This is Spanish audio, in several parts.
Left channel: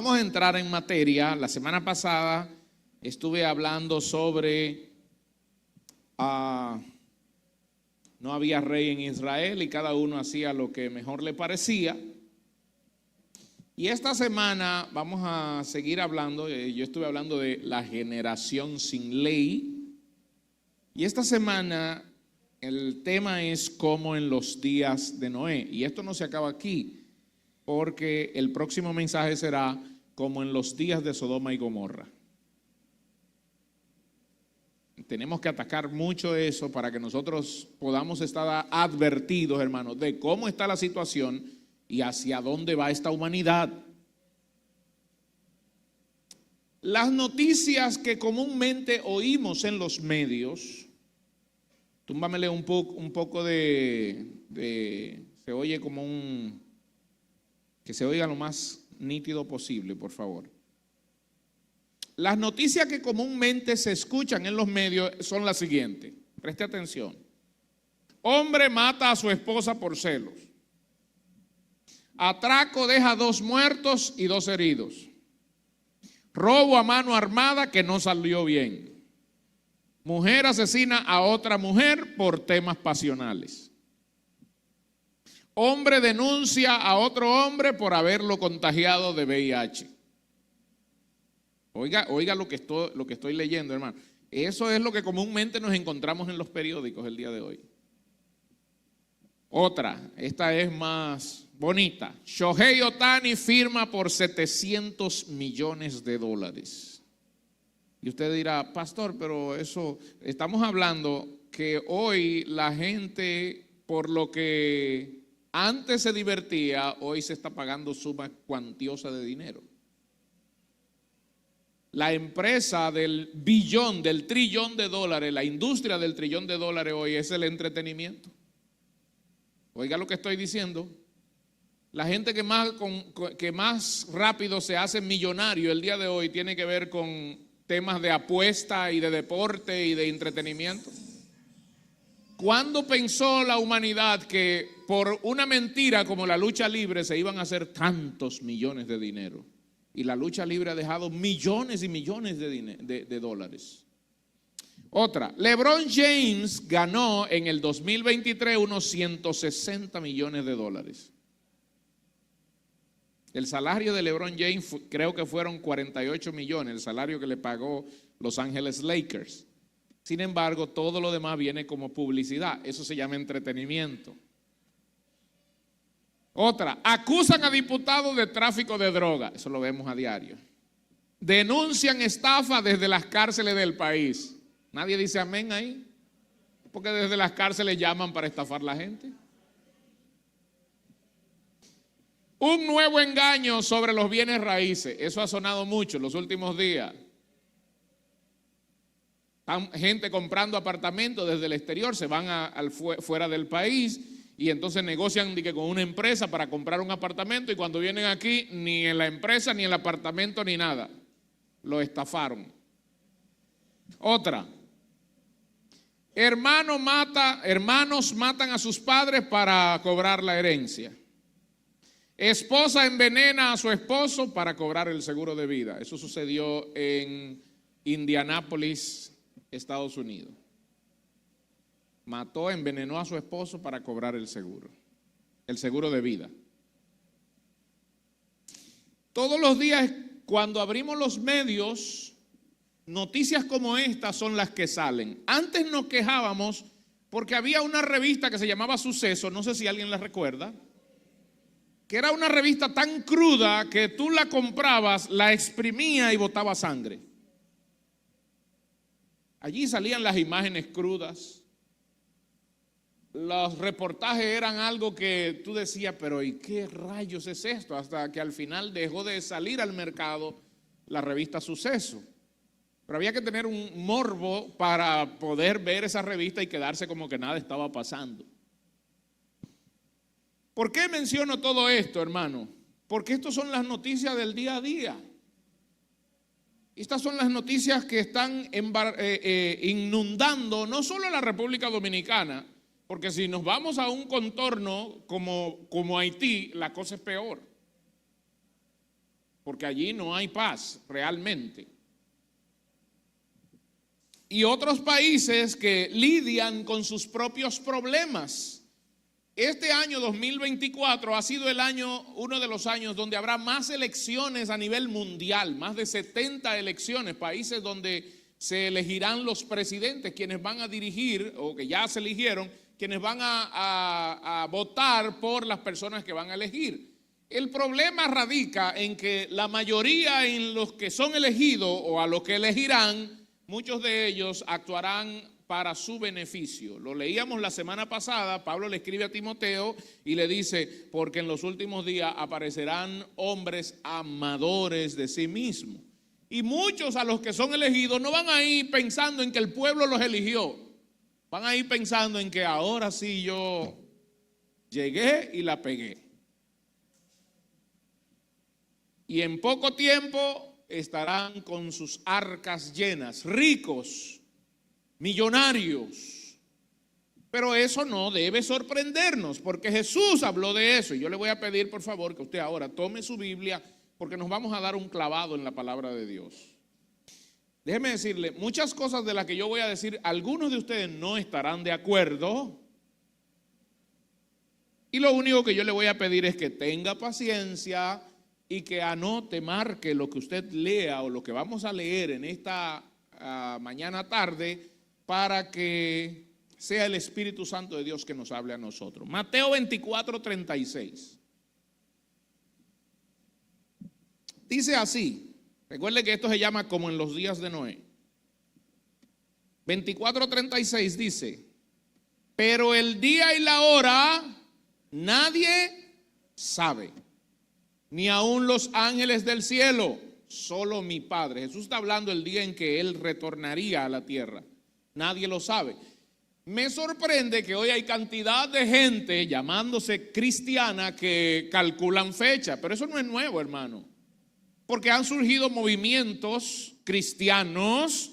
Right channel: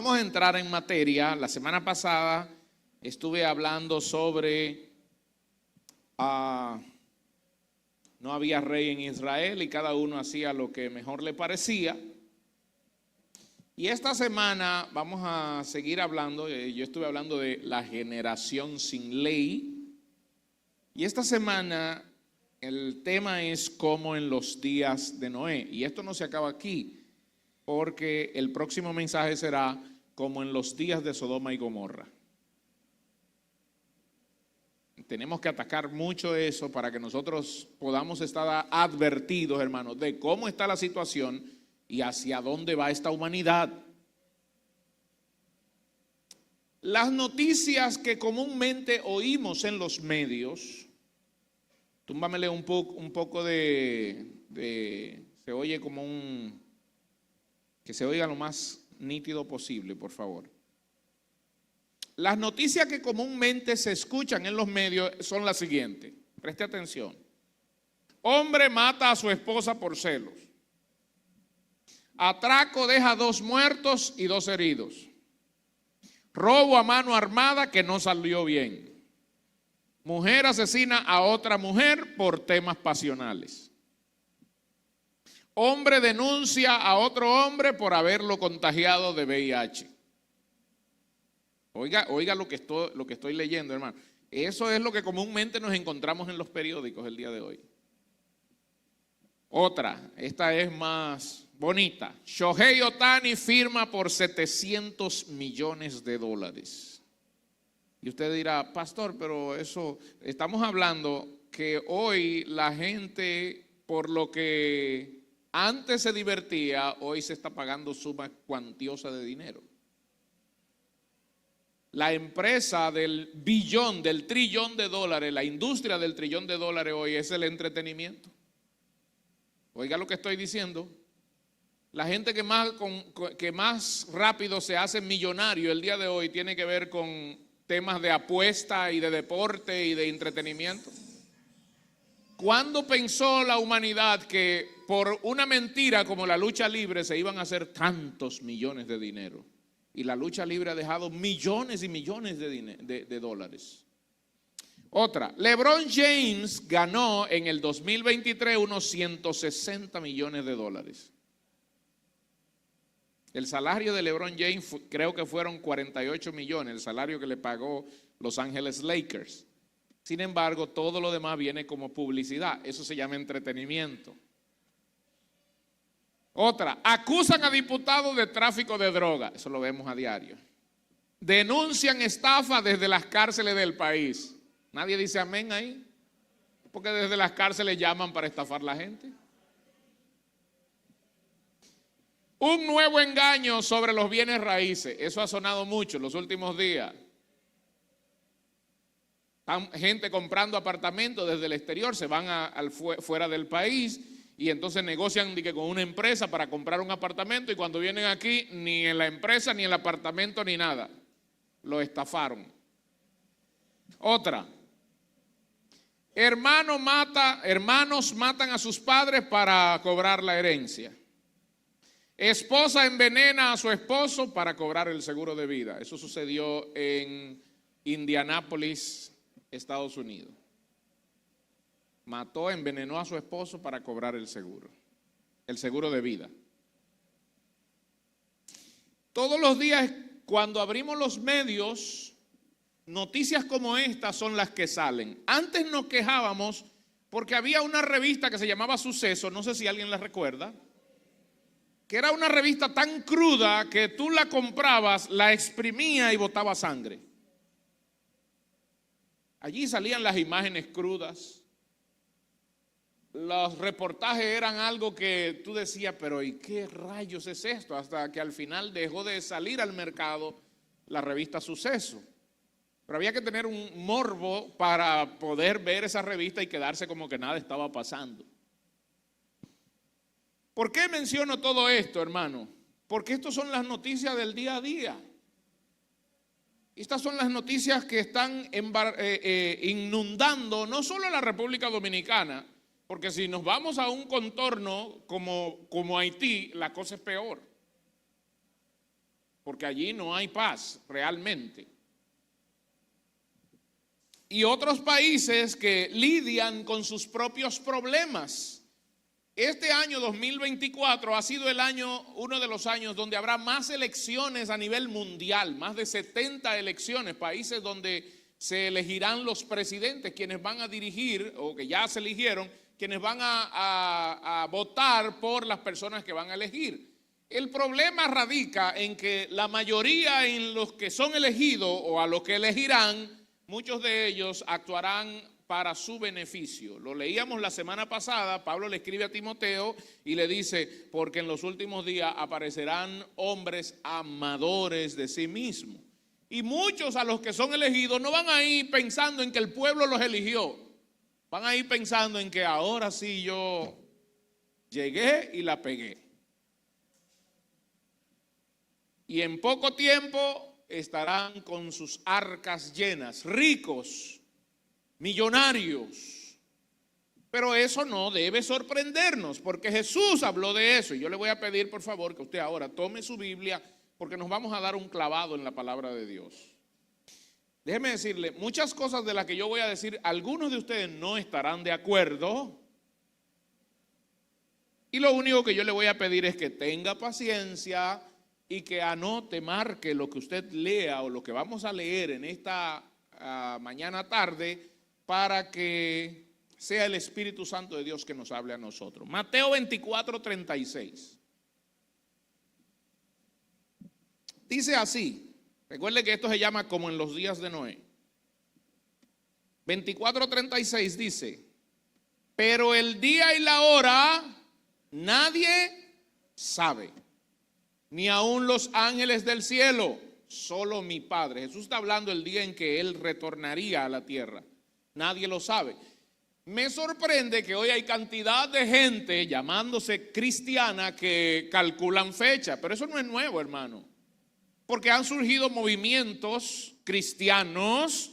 Vamos a entrar en materia. La semana pasada estuve hablando sobre no había rey en Israel y cada uno hacía lo que mejor le parecía. Y esta semana vamos a seguir hablando, yo estuve hablando de la generación sin ley. Y esta semana el tema es como en los días de Noé. Y esto no se acaba aquí, porque el próximo mensaje será como en los días de Sodoma y Gomorra. Tenemos que atacar mucho eso para que nosotros podamos estar advertidos, hermanos, de cómo está la situación y hacia dónde va esta humanidad. Las noticias que comúnmente oímos en los medios, túmbamele un poco se oye como que se oiga lo más nítido posible, por favor. Las noticias que comúnmente se escuchan en los medios son las siguientes. Preste atención. Hombre mata a su esposa por celos. Atraco deja 2 muertos y 2 heridos. Robo a mano armada que no salió bien. Mujer asesina a otra mujer por temas pasionales. Hombre denuncia a otro hombre por haberlo contagiado de VIH. Oiga lo que estoy leyendo, hermano. Eso es lo que comúnmente nos encontramos en los periódicos el día de hoy. Otra, esta es más bonita. Shohei Ohtani firma por $700 millones. Y usted dirá, pastor, pero eso, estamos hablando que hoy la gente, por lo que antes se divertía, hoy se está pagando suma cuantiosa de dinero. La empresa del trillón de dólares, la industria del trillón de dólares hoy es el entretenimiento. Oiga lo que estoy diciendo. La gente que más rápido se hace millonario el día de hoy tiene que ver con temas de apuesta y de deporte y de entretenimiento. ¿Cuándo pensó la humanidad que por una mentira como la lucha libre se iban a hacer tantos millones de dinero? Y la lucha libre ha dejado millones y millones de dólares. Otra, LeBron James ganó en el 2023 unos $160 millones. El salario de LeBron James creo que fueron 48 millones, el salario que le pagó Los Ángeles Lakers. Sin embargo, todo lo demás viene como publicidad. Eso se llama entretenimiento. Otra, acusan a diputados de tráfico de droga. Eso lo vemos a diario. Denuncian estafa desde las cárceles del país. Nadie dice amén ahí, porque desde las cárceles llaman para estafar a la gente. Un nuevo engaño sobre los bienes raíces. Eso ha sonado mucho en los últimos días. Gente comprando apartamentos desde el exterior, se van fuera del país y entonces negocian con una empresa para comprar un apartamento y cuando vienen aquí ni en la empresa ni en el apartamento ni nada. Lo estafaron. Otra. Hermanos matan a sus padres para cobrar la herencia. Esposa envenena a su esposo para cobrar el seguro de vida. Eso sucedió en Indianápolis, Estados Unidos. Envenenó a su esposo para cobrar el seguro de vida. Todos los días, cuando abrimos los medios, noticias como estas son las que salen. Antes nos quejábamos porque había una revista que se llamaba Suceso, no sé si alguien la recuerda, que era una revista tan cruda que tú la comprabas, la exprimías y botaba sangre. Allí salían las imágenes crudas. Los reportajes eran algo que tú decías, pero ¿y qué rayos es esto? Hasta que al final dejó de salir al mercado la revista Suceso. Pero había que tener un morbo para poder ver esa revista y quedarse como que nada estaba pasando. ¿Por qué menciono todo esto, hermano? Porque estas son las noticias del día a día. Estas son las noticias que están inundando no solo la República Dominicana, porque si nos vamos a un contorno como Haití, la cosa es peor. porque allí no hay paz realmente. Y otros países que lidian con sus propios problemas. Este año 2024 ha sido uno de los años donde habrá más elecciones a nivel mundial, más de 70 elecciones, países donde se elegirán los presidentes, quienes van a dirigir, o que ya se eligieron, quienes van a votar por las personas que van a elegir. El problema radica en que la mayoría en los que son elegidos o a los que elegirán, muchos de ellos actuarán para su beneficio. Lo leíamos la semana pasada, Pablo le escribe a Timoteo y le dice, porque en los últimos días aparecerán hombres amadores de sí mismos. Y muchos a los que son elegidos no van a ir pensando en que el pueblo los eligió, van a ir pensando en que ahora sí yo llegué y la pegué. Y en poco tiempo estarán con sus arcas llenas, ricos, millonarios. Pero eso no debe sorprendernos, porque Jesús habló de eso. Y yo le voy a pedir, por favor, que usted ahora tome su Biblia, porque nos vamos a dar un clavado en la palabra de Dios. Déjeme decirle, muchas cosas de las que yo voy a decir, algunos de ustedes no estarán de acuerdo. Y lo único que yo le voy a pedir es que tenga paciencia y que anote, marque lo que usted lea o lo que vamos a leer en esta mañana tarde, para que sea el Espíritu Santo de Dios que nos hable a nosotros. Mateo 24:36. Dice así, recuerde que esto se llama como en los días de Noé. 24:36 dice, pero el día y la hora nadie sabe, ni aun los ángeles del cielo, solo mi Padre. Jesús está hablando del día en que Él retornaría a la tierra. Nadie lo sabe. Me sorprende que hoy hay cantidad de gente llamándose cristiana que calculan fecha, pero eso no es nuevo, hermano. Porque han surgido movimientos cristianos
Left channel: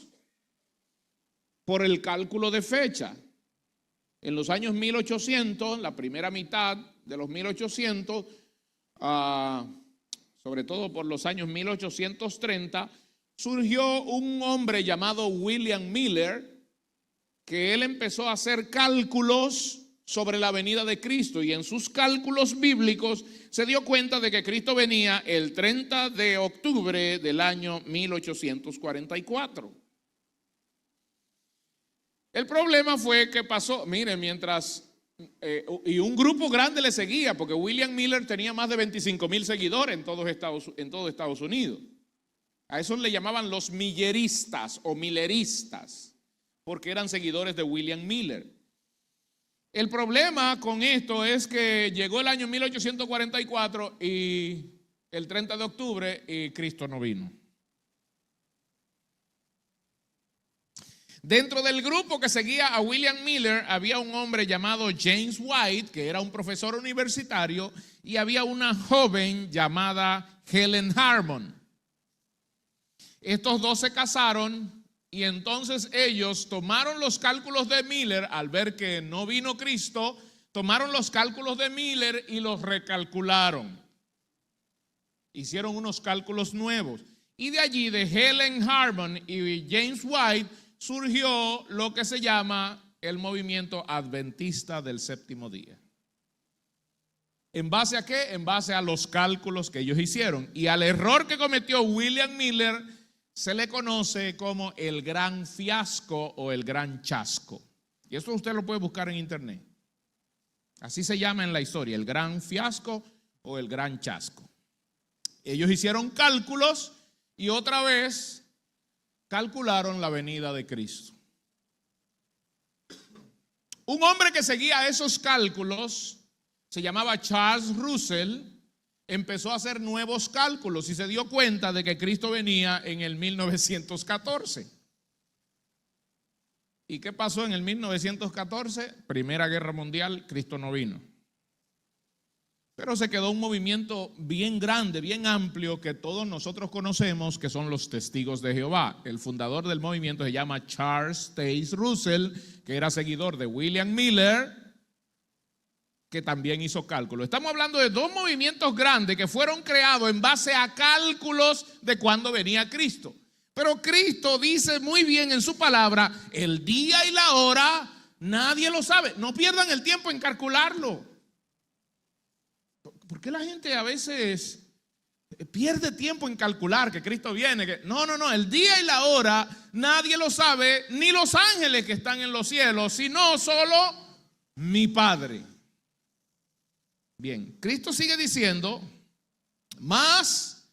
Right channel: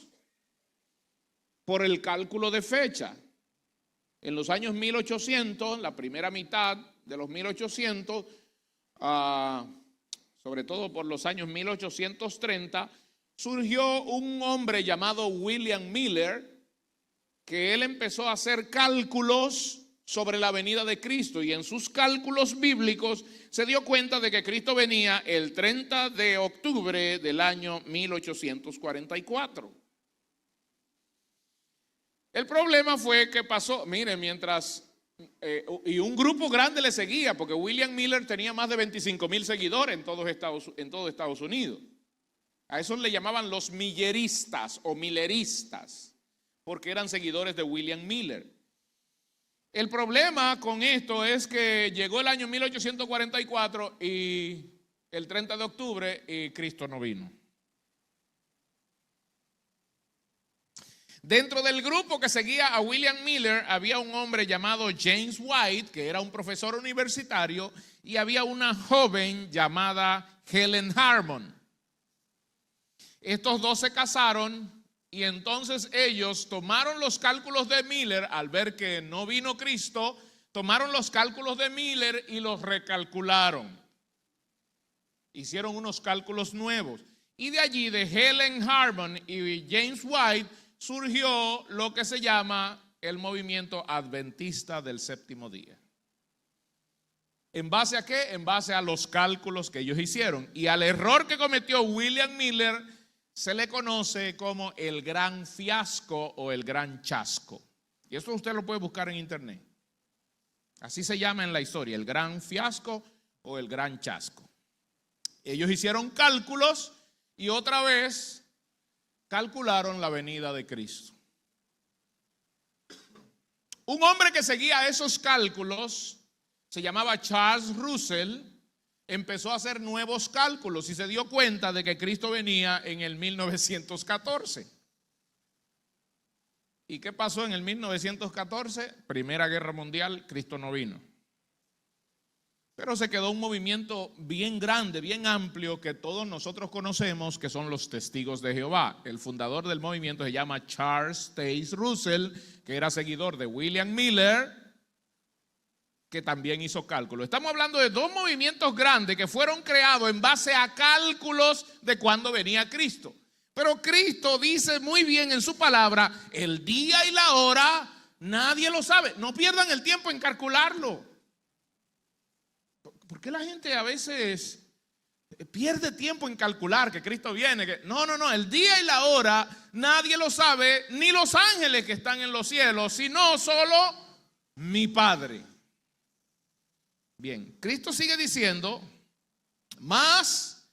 por el cálculo de fecha. En los años 1800, la primera mitad de los 1800, sobre todo por los años 1830, surgió un hombre llamado William Miller, que él empezó a hacer cálculos sobre la venida de Cristo, y en sus cálculos bíblicos se dio cuenta de que Cristo venía el 30 de octubre del año 1844. El problema fue que pasó, miren, y un grupo grande le seguía, porque William Miller tenía más de 25,000 seguidores en todo Estados Unidos. A esos le llamaban los milleristas o milleristas, porque eran seguidores de William Miller. El problema con esto es que llegó el año 1844 y el 30 de octubre y Cristo no vino. Dentro del grupo que seguía a William Miller había un hombre llamado James White, que era un profesor universitario, y había una joven llamada Helen Harmon. Estos dos se casaron y entonces ellos tomaron los cálculos de Miller al ver que no vino Cristo, tomaron los cálculos de Miller y los recalcularon. Hicieron unos cálculos nuevos. Y de allí, de Helen Harmon y James White, surgió lo que se llama el movimiento adventista del séptimo día. ¿En base a qué? En base a los cálculos que ellos hicieron. Y al error que cometió William Miller se le conoce como el gran fiasco o el gran chasco. Y esto usted lo puede buscar en internet. Así se llama en la historia, el gran fiasco o el gran chasco. Ellos hicieron cálculos y otra vez calcularon la venida de Cristo. Un hombre que seguía esos cálculos se llamaba Charles Russell. Empezó a hacer nuevos cálculos y se dio cuenta de que Cristo venía en el 1914. ¿Y qué pasó en el 1914? Primera Guerra Mundial, Cristo no vino. Pero se quedó un movimiento bien grande, bien amplio, que todos nosotros conocemos, que son los Testigos de Jehová. El fundador del movimiento se llama Charles Taze Russell, que era seguidor de William Miller, que también hizo cálculo. Estamos hablando de dos movimientos grandes que fueron creados en base a cálculos de cuándo venía Cristo. Pero Cristo dice muy bien en su palabra, el día y la hora nadie lo sabe. No pierdan el tiempo en calcularlo. ¿Por qué la gente a veces pierde tiempo en calcular que Cristo viene? No, el día y la hora nadie lo sabe, ni los ángeles que están en los cielos, sino solo mi Padre. Bien, Cristo sigue diciendo, más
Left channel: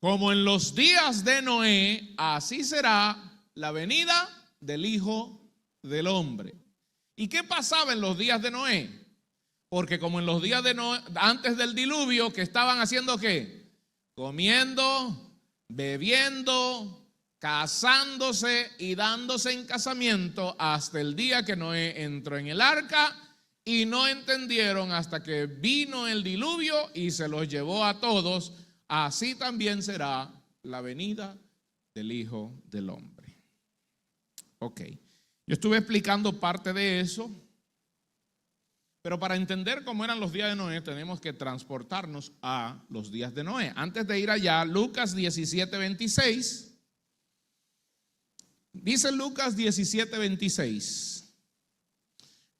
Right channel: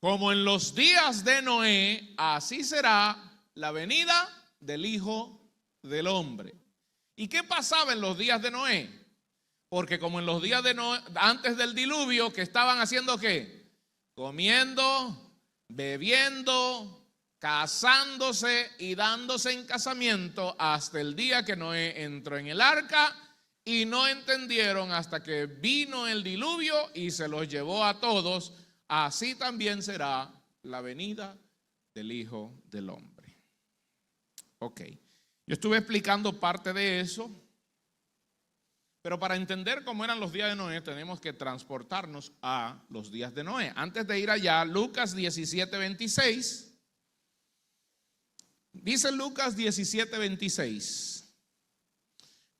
como en los días de Noé, así será la venida del Hijo del Hombre. ¿Y qué pasaba en los días de Noé? Porque como en los días de Noé, antes del diluvio, que estaban haciendo ¿qué? Comiendo, bebiendo, casándose y dándose en casamiento hasta el día que Noé entró en el arca, y no entendieron hasta que vino el diluvio y se los llevó a todos. Así también será la venida del Hijo del Hombre. Ok, yo estuve explicando parte de eso, pero para entender cómo eran los días de Noé tenemos que transportarnos a los días de Noé. Antes de ir allá, Lucas 17:26, dice Lucas 17:26.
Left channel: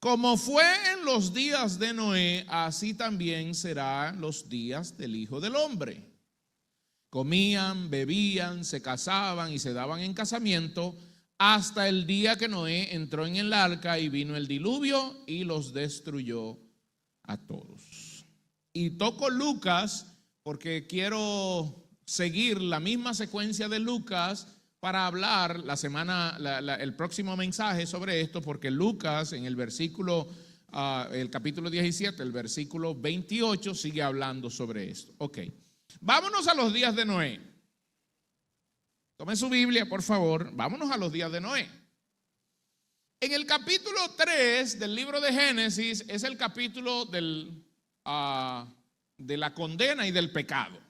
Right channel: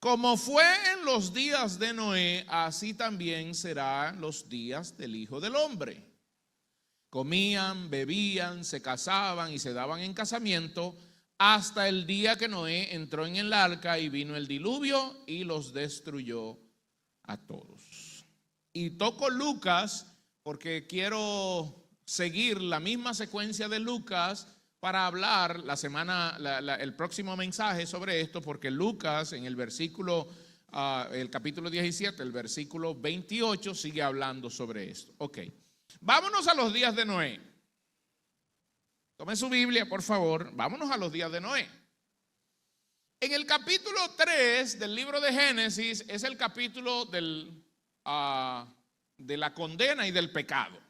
Como fue en los días de Noé, así también serán los días del Hijo del Hombre. Comían, bebían, se casaban y se daban en casamiento hasta el día que Noé entró en el arca y vino el diluvio y los destruyó a todos. Y toco Lucas porque quiero seguir la misma secuencia de Lucas para hablar el próximo mensaje sobre esto, porque Lucas en el versículo, el capítulo 17, el versículo 28 sigue hablando sobre esto. Ok, vámonos a los días de Noé. Tome su Biblia, por favor, vámonos a los días de Noé. En el capítulo 3 del libro de Génesis es el capítulo de la condena y del pecado.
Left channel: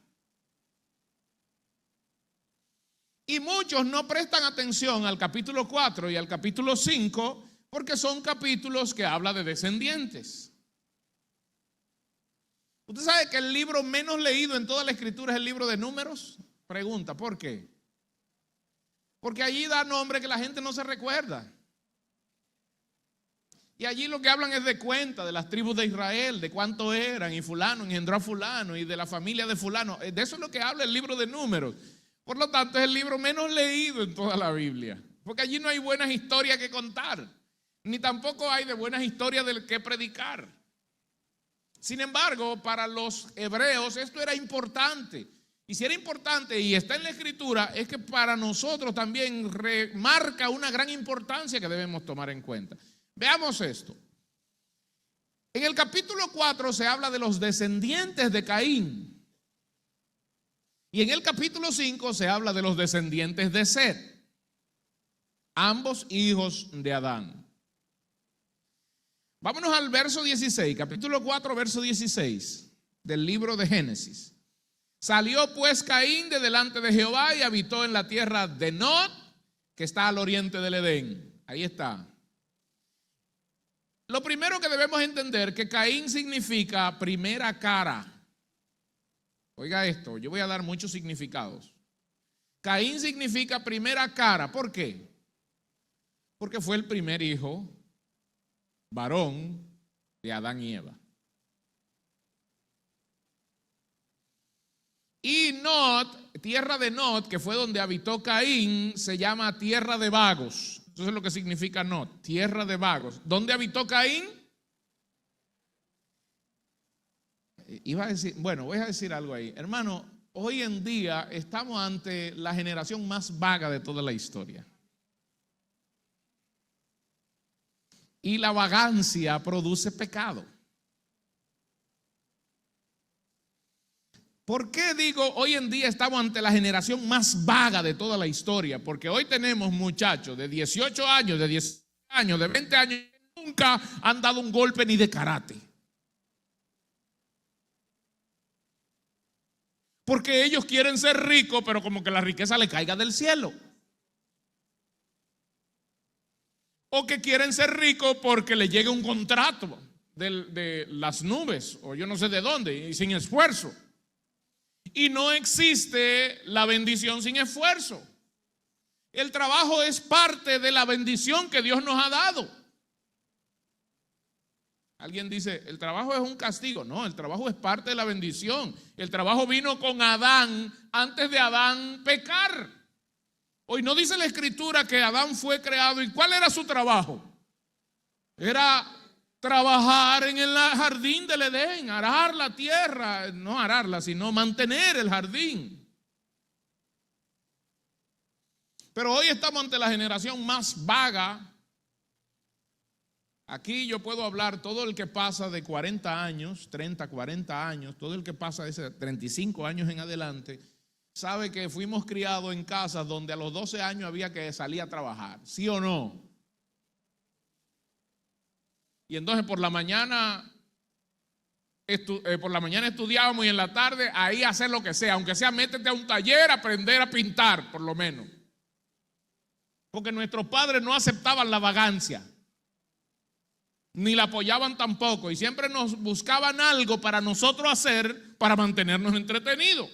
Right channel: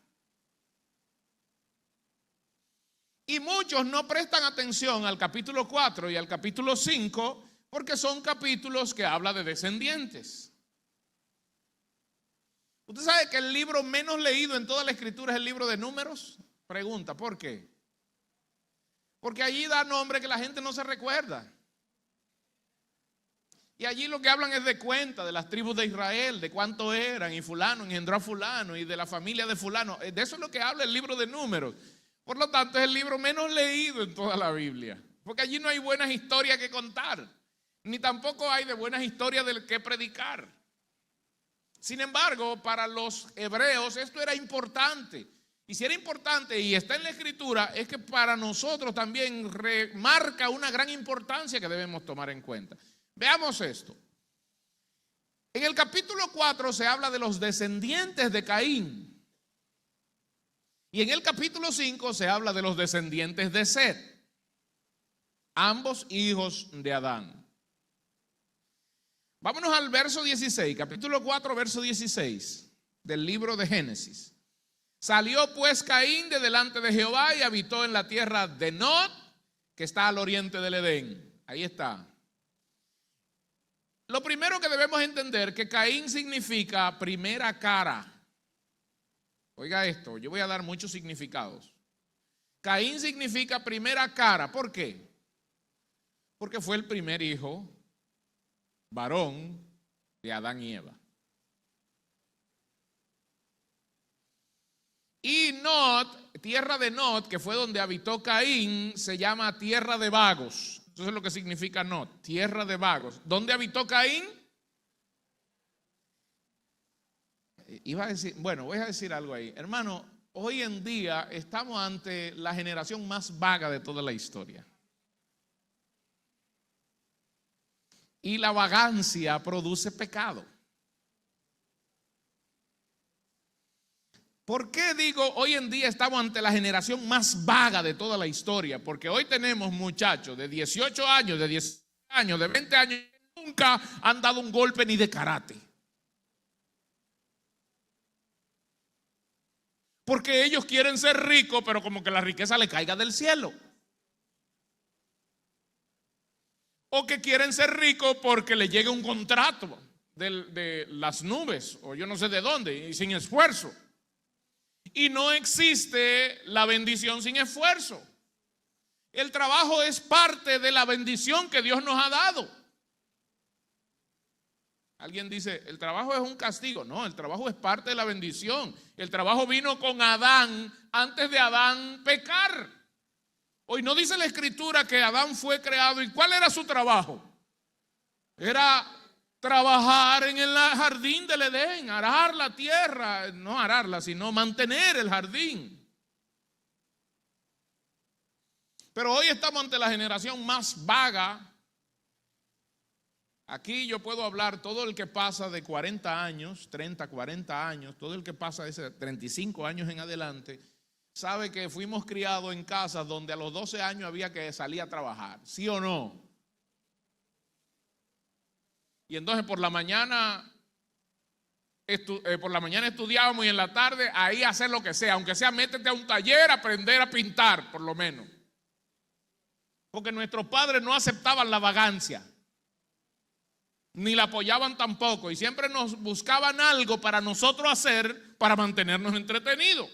Y muchos no prestan atención al capítulo 4 y al capítulo 5 porque son capítulos que hablan de descendientes. ¿Usted sabe que el libro menos leído en toda la escritura es el libro de Números? Pregunta, ¿por qué? Porque allí da nombre que la gente no se recuerda. Y allí lo que hablan es de cuenta de las tribus de Israel, de cuánto eran, y fulano engendró a fulano, y de la familia de fulano. De eso es lo que habla el libro de Números. Por lo tanto, es el libro menos leído en toda la Biblia, porque allí no hay buenas historias que contar, ni tampoco hay de buenas historias del que predicar. Sin embargo, para los hebreos esto era importante, y si era importante y está en la escritura, es que para nosotros también remarca una gran importancia que debemos tomar en cuenta. Veamos esto. En el capítulo 4 se habla de los descendientes de Caín. Y en el capítulo 5 se habla de los descendientes de Set, ambos hijos de Adán. Vámonos al verso 16, capítulo 4, verso 16 del libro de Génesis. Salió pues Caín de delante de Jehová y habitó en la tierra de Nod, que está al oriente del Edén. Ahí está. Lo primero que debemos entender que Caín significa primera cara. Oiga esto, yo voy a dar muchos significados. Caín significa primera cara. ¿Por qué? Porque fue el primer hijo varón de Adán y Eva. Y Nod, tierra de Nod, que fue donde habitó Caín, se llama tierra de vagos. Eso es lo que significa Nod, tierra de vagos. ¿Dónde habitó Caín? Iba a decir, bueno, voy a decir algo ahí. Hermano, hoy en día estamos ante la generación más vaga de toda la historia. Y la vagancia produce pecado. ¿Por qué digo hoy en día estamos ante la generación más vaga de toda la historia? Porque hoy tenemos muchachos de 18 años, de 10 años, de 20 años que nunca han dado un golpe ni de karate. Porque ellos quieren ser ricos, pero como que la riqueza le caiga del cielo. O que quieren ser ricos porque le llega un contrato de las nubes, o yo no sé de dónde, y sin esfuerzo. Y no existe la bendición sin esfuerzo. El trabajo es parte de la bendición que Dios nos ha dado. Alguien dice, el trabajo es un castigo. No, el trabajo es parte de la bendición. El trabajo vino con Adán antes de Adán pecar. Hoy no dice la Escritura que Adán fue creado. ¿Y cuál era su trabajo? Era trabajar en el jardín del Edén, arar la tierra, no ararla, sino mantener el jardín. Pero hoy estamos ante la generación más vaga. Aquí yo puedo hablar, todo el que pasa de 40 años, 30, 40 años, todo el que pasa de 35 años en adelante, sabe que fuimos criados en casas donde a los 12 años había que salir a trabajar, ¿sí o no? Y entonces por la mañana estudiábamos y en la tarde ahí hacer lo que sea, aunque sea métete a un taller, aprender a pintar por lo menos. Porque nuestros padres no aceptaban la vagancia. Ni la apoyaban tampoco, y siempre nos buscaban algo para nosotros hacer para mantenernos entretenidos.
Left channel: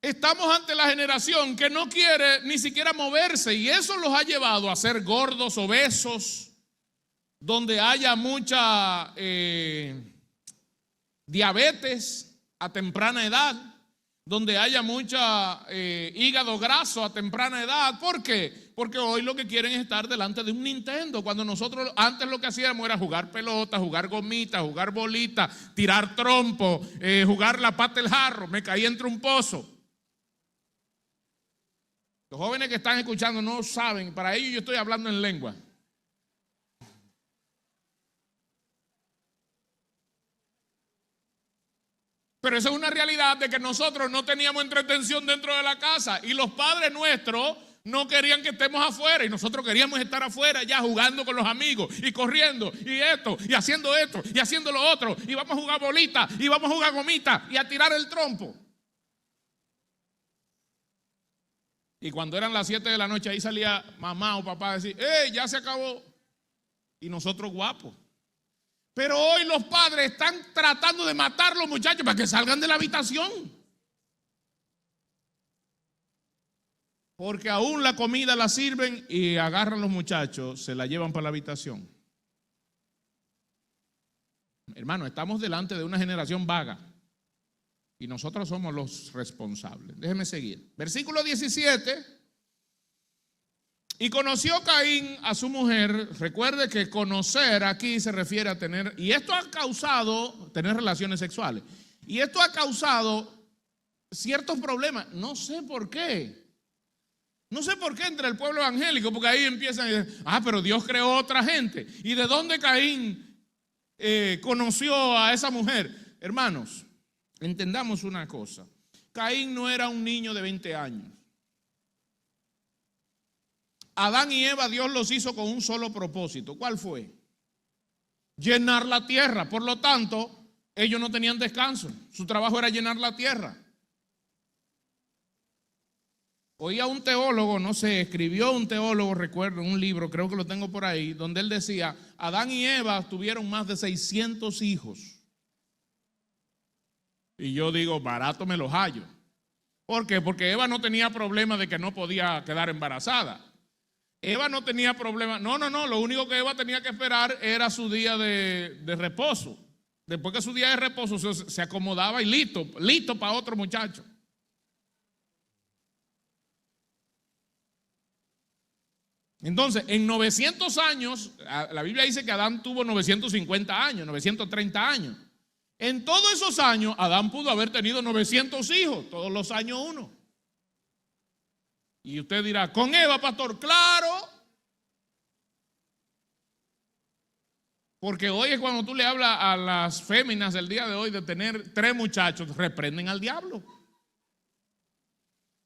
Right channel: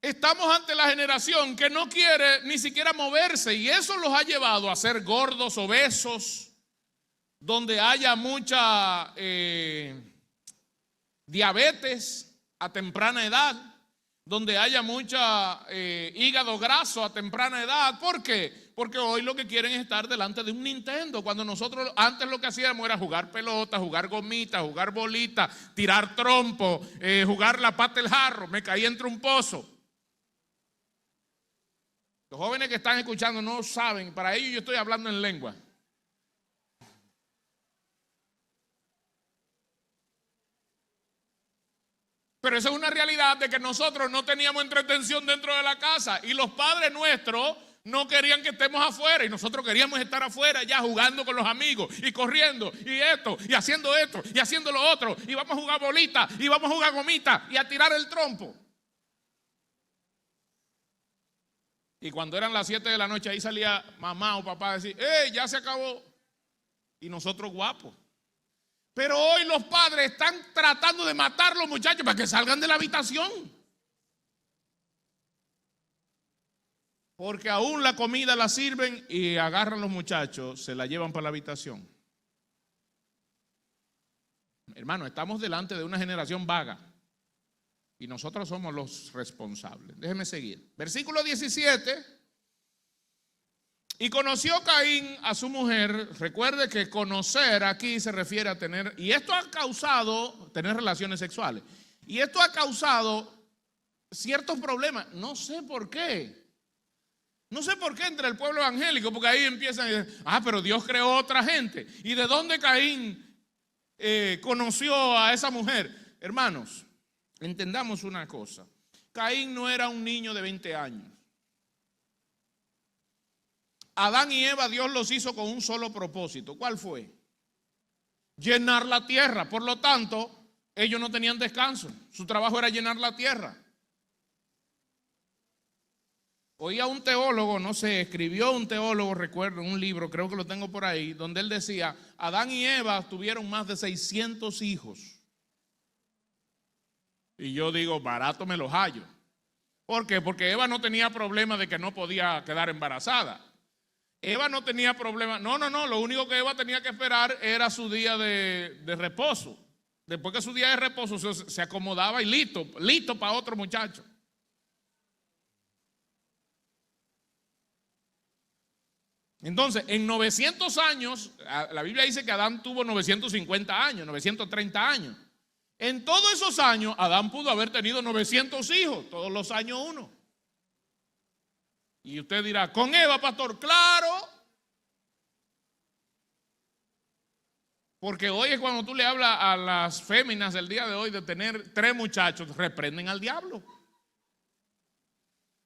Estamos ante la generación que no quiere ni siquiera moverse, y eso los ha llevado a ser gordos, obesos, donde haya mucha diabetes a temprana edad, donde haya mucha hígado graso a temprana edad. ¿Por qué? Porque hoy lo que quieren es estar delante de un Nintendo, cuando nosotros antes lo que hacíamos era jugar pelota, jugar gomita, jugar bolita, tirar trompo, jugar la pata del jarro, me caí entre un pozo. Los jóvenes que están escuchando no saben, para ellos yo estoy hablando en lengua. Pero eso es una realidad de que nosotros no teníamos entretención dentro de la casa y los padres nuestros no querían que estemos afuera y nosotros queríamos estar afuera ya jugando con los amigos y corriendo y esto y haciendo lo otro y vamos a jugar bolita y vamos a jugar gomita y a tirar el trompo. Y cuando eran las 7 de la noche ahí salía mamá o papá a decir, ya se acabó. Y nosotros guapos. Pero hoy los padres están tratando de matar a los muchachos para que salgan de la habitación. Porque aún la comida la sirven y agarran los muchachos, se la llevan para la habitación. Hermano, estamos delante de una generación vaga y nosotros somos los responsables. Déjeme seguir. Versículo 17. Y conoció Caín a su mujer. Recuerde que conocer aquí se refiere a tener, y esto ha causado tener relaciones sexuales. Y esto ha causado ciertos problemas. No sé por qué. No sé por qué entre el pueblo evangélico, porque ahí empiezan a decir, pero Dios creó otra gente. ¿Y de dónde Caín conoció a esa mujer? Hermanos, entendamos una cosa. Caín no era un niño de 20 años. Adán y Eva, Dios los hizo con un solo propósito. ¿Cuál fue? Llenar la tierra. Por lo tanto, ellos no tenían descanso. Su trabajo era llenar la tierra. Oía un teólogo, no sé, escribió un teólogo, recuerdo, un libro, creo que lo tengo por ahí, donde él decía, Adán y Eva tuvieron más de 600 hijos. Y yo digo, barato me los hallo. ¿Por qué? Porque Eva no tenía problema de que no podía quedar embarazada. Eva no tenía problema, no, lo único que Eva tenía que esperar era su día de reposo. Después que su día de reposo se acomodaba y listo para otro muchacho. Entonces, en 900 años, la Biblia dice que Adán tuvo 950 años, 930 años. En todos esos años, Adán pudo haber tenido 900 hijos, todos los años uno. Y usted dirá, ¿con Eva, pastor? Claro. Porque hoy es cuando tú le hablas a las féminas del día de hoy de tener 3 muchachos, reprenden al diablo.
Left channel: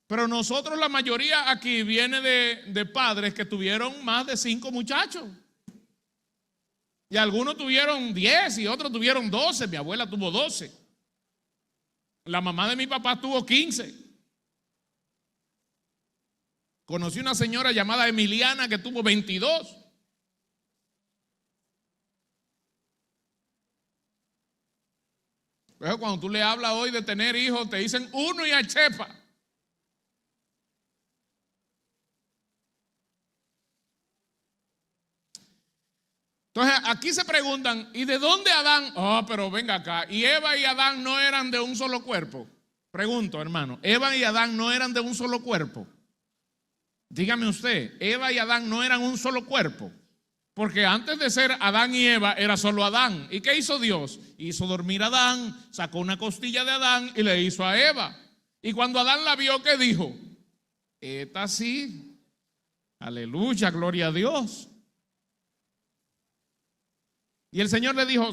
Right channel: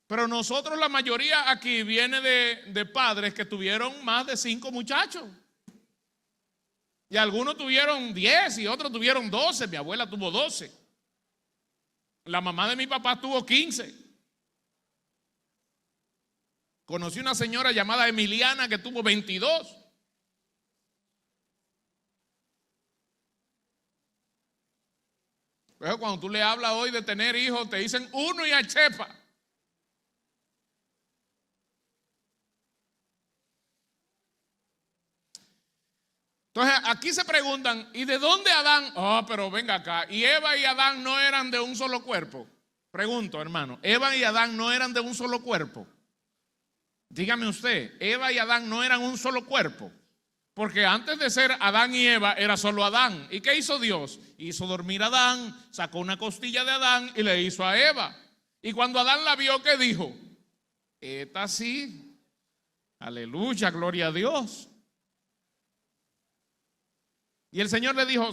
Pero nosotros, la mayoría aquí viene de padres que tuvieron más de 5 muchachos. Y algunos tuvieron 10 y otros tuvieron 12. Mi abuela tuvo 12. La mamá de mi papá tuvo 15. Conocí una señora llamada Emiliana que tuvo 22. Pero cuando tú le hablas hoy de tener hijos, te dicen uno y a chepa. Entonces aquí se preguntan, ¿y de dónde Adán? Oh, pero venga acá, ¿y Eva y Adán no eran de un solo cuerpo? Pregunto, hermano, ¿Eva y Adán no eran de un solo cuerpo? Dígame usted, ¿Eva y Adán no eran un solo cuerpo? Porque antes de ser Adán y Eva era solo Adán. ¿Y qué hizo Dios? Hizo dormir a Adán, sacó una costilla de Adán y le hizo a Eva. Y cuando Adán la vio, ¿qué dijo? Esta sí, aleluya, gloria a Dios. Y el Señor le dijo,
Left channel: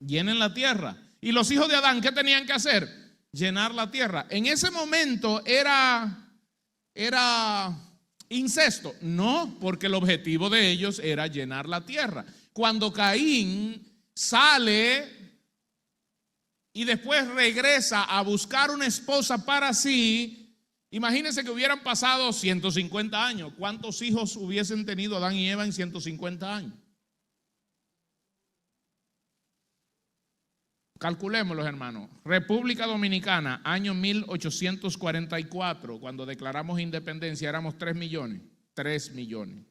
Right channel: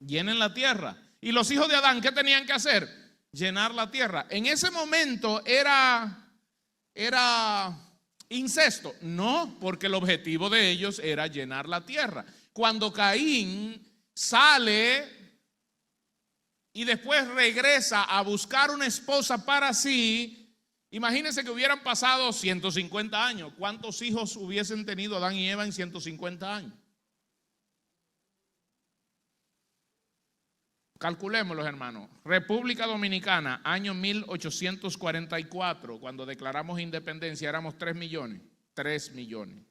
llenen la tierra. Y los hijos de Adán, ¿qué tenían que hacer? Llenar la tierra. En ese momento era incesto. No, porque el objetivo de ellos era llenar la tierra. Cuando Caín sale y después regresa a buscar una esposa para sí, imagínense que hubieran pasado 150 años. ¿Cuántos hijos hubiesen tenido Adán y Eva en 150 años? Calculémoslo, hermanos. República Dominicana, año 1844, cuando declaramos independencia, éramos 3 millones. 3 millones.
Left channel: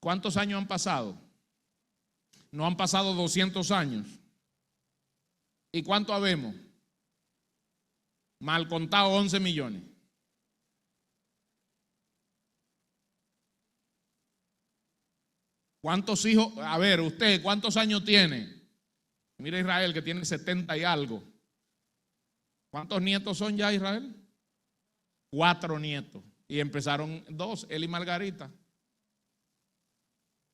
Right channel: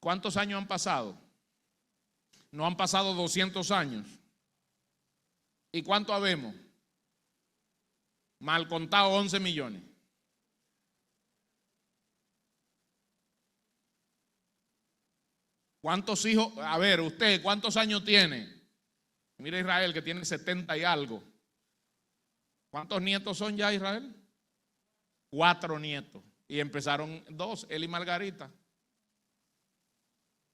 ¿Cuántos años han pasado? No han pasado 200 años. ¿Y cuánto habemos? Mal contado, 11 millones. ¿Cuántos hijos? A ver, usted, ¿cuántos años tiene? Mira Israel, que tiene 70 y algo. ¿Cuántos nietos son ya, Israel? 4 nietos. Y empezaron 2, él y Margarita.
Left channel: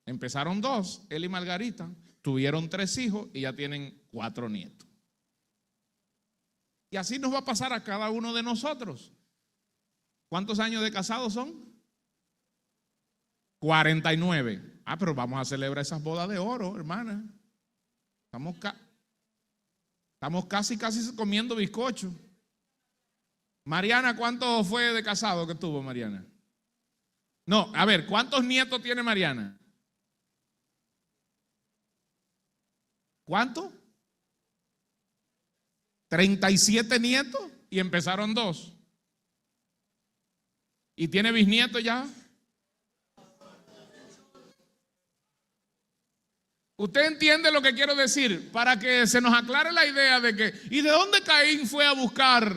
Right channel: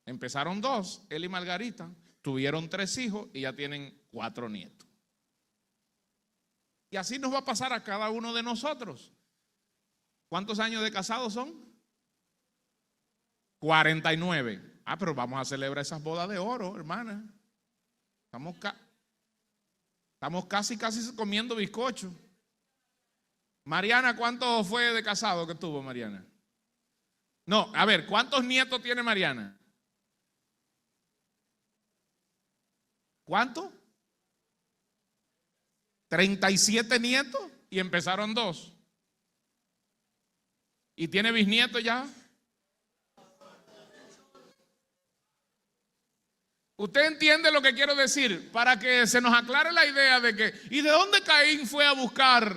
Empezaron 2, él y Margarita. Tuvieron 3 hijos y ya tienen 4 nietos. Y así nos va a pasar a cada uno de nosotros. ¿Cuántos años de casados son? 49. Ah, pero vamos a celebrar esas bodas de oro, hermana. Estamos casi comiendo bizcocho. Mariana, ¿cuánto fue de casado que tuvo Mariana? No, a ver, ¿cuántos nietos tiene Mariana? ¿Cuánto? 37 nietos y empezaron 2. ¿Y tiene bisnietos ya? ¿Usted entiende lo que quiero decir? Para que se nos aclare la idea de que, ¿y de dónde Caín fue a buscar?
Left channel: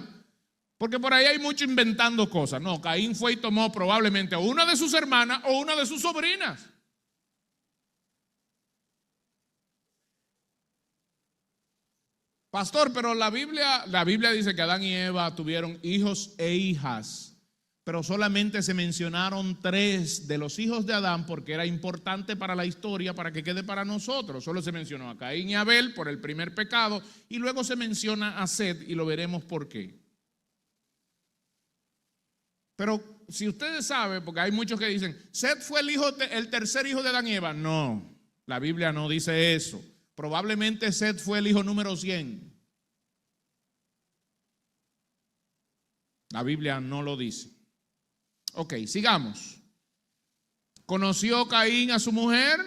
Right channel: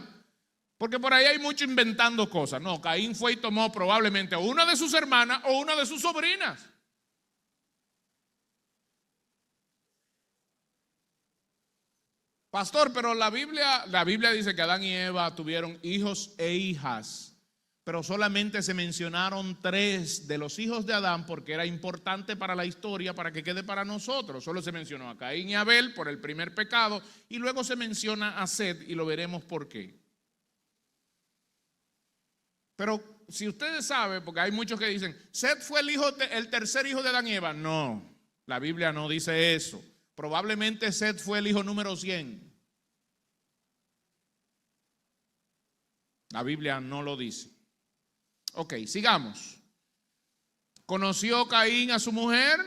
Porque por ahí hay mucho inventando cosas. No, Caín fue y tomó probablemente una de sus hermanas o una de sus sobrinas. Pastor, pero la Biblia dice que Adán y Eva tuvieron hijos e hijas. Pero solamente se mencionaron 3 de los hijos de Adán porque era importante para la historia, para que quede para nosotros. Solo se mencionó a Caín y Abel por el primer pecado y luego se menciona a Set y lo veremos por qué. Pero si ustedes saben, porque hay muchos que dicen, Set fue el tercer hijo de Adán y Eva. No, la Biblia no dice eso. Probablemente Set fue el hijo número 100. La Biblia no lo dice. Ok, sigamos. Conoció Caín a su mujer,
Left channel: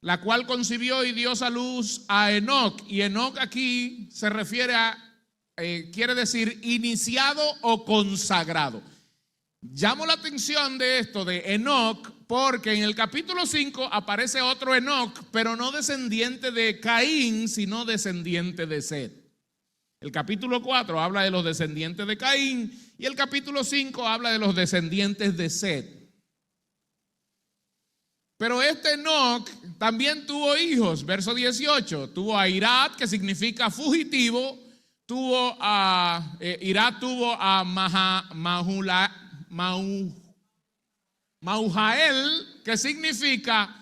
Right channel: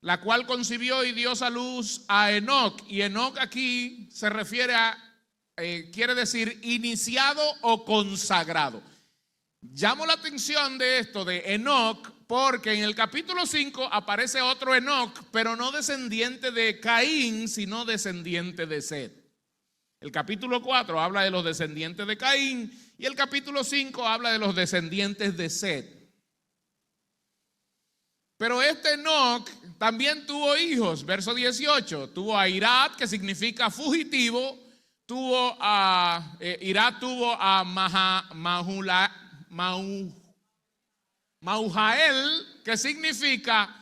la cual concibió y dio a luz a Enoc. Y Enoc aquí se refiere a, quiere decir iniciado o consagrado. Llamo la atención de esto de Enoc porque en el capítulo 5 aparece otro Enoc, pero no descendiente de Caín, sino descendiente de Set. El capítulo 4 habla de los descendientes de Caín y el capítulo 5 habla de los descendientes de Set. Pero este Enoc también tuvo hijos, verso 18, tuvo a Irad, que significa fugitivo, Irad tuvo a Mahujael, que significa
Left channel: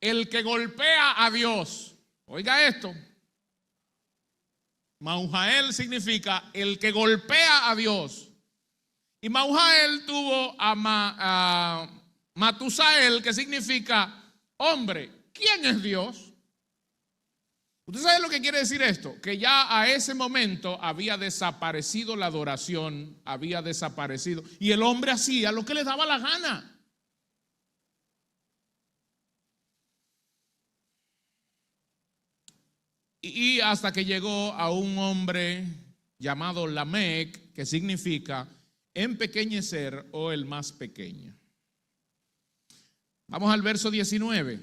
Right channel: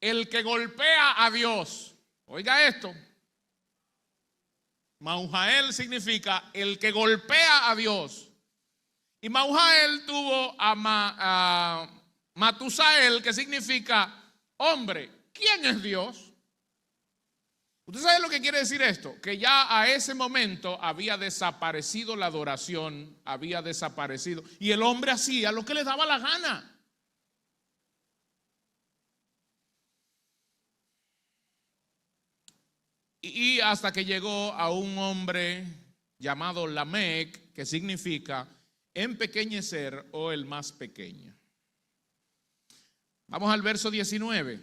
el que golpea a Dios. Oiga esto. Mahujael significa el que golpea a Dios. Y Mahujael tuvo a Matusael, que significa hombre. ¿Quién es Dios? ¿Usted sabe lo que quiere decir esto? Que ya a ese momento había desaparecido la adoración, había desaparecido. Y el hombre hacía lo que le daba la gana. y hasta que llegó a un hombre llamado Lamec, que significa empequeñecer o el más pequeño. Vamos al verso 19.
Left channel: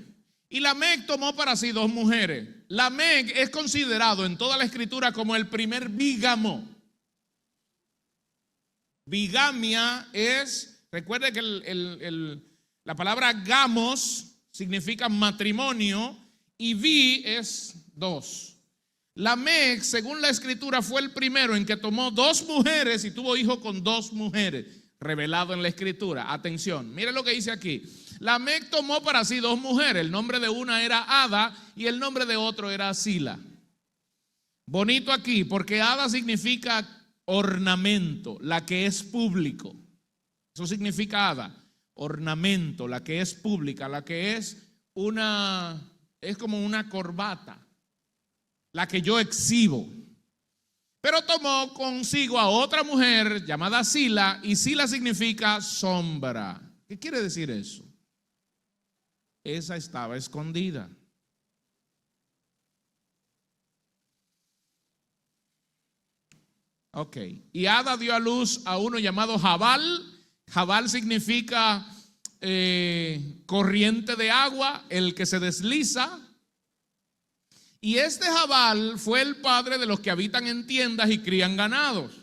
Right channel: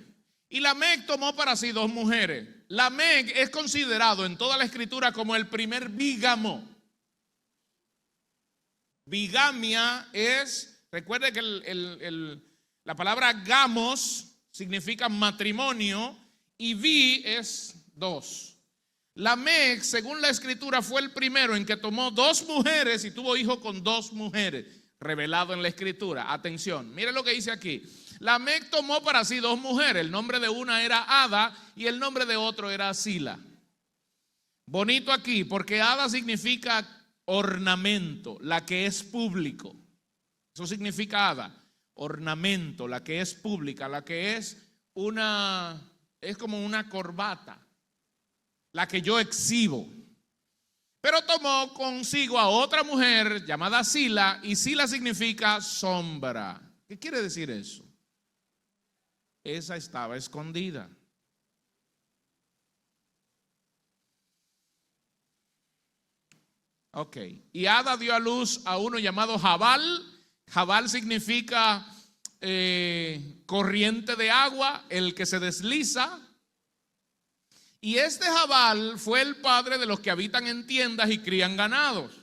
Y Lamec tomó para sí 2 mujeres. Lamec es considerado en toda la escritura como el primer bígamo. Bigamia es, recuerde que la palabra gamos significa matrimonio y bi es 2. Lamec, según la escritura, fue el primero en que tomó 2 mujeres y tuvo hijo con 2 mujeres, revelado en la escritura. Atención, mire lo que dice aquí. Lamec tomó para sí 2 mujeres, el nombre de una era Ada y el nombre de otro era Zila. Bonito aquí, porque Ada significa ornamento, la que es público. Eso significa Ada, ornamento, la que es pública, la que es como una corbata, la que yo exhibo. Pero tomó consigo a otra mujer llamada Zila, y Zila significa sombra. ¿Qué quiere decir eso? Esa estaba escondida. Ok, y Ada dio a luz a uno llamado Jabal. Jabal significa corriente de agua, el que se desliza. Y este Jabal fue el padre de los que habitan en tiendas y crían ganados.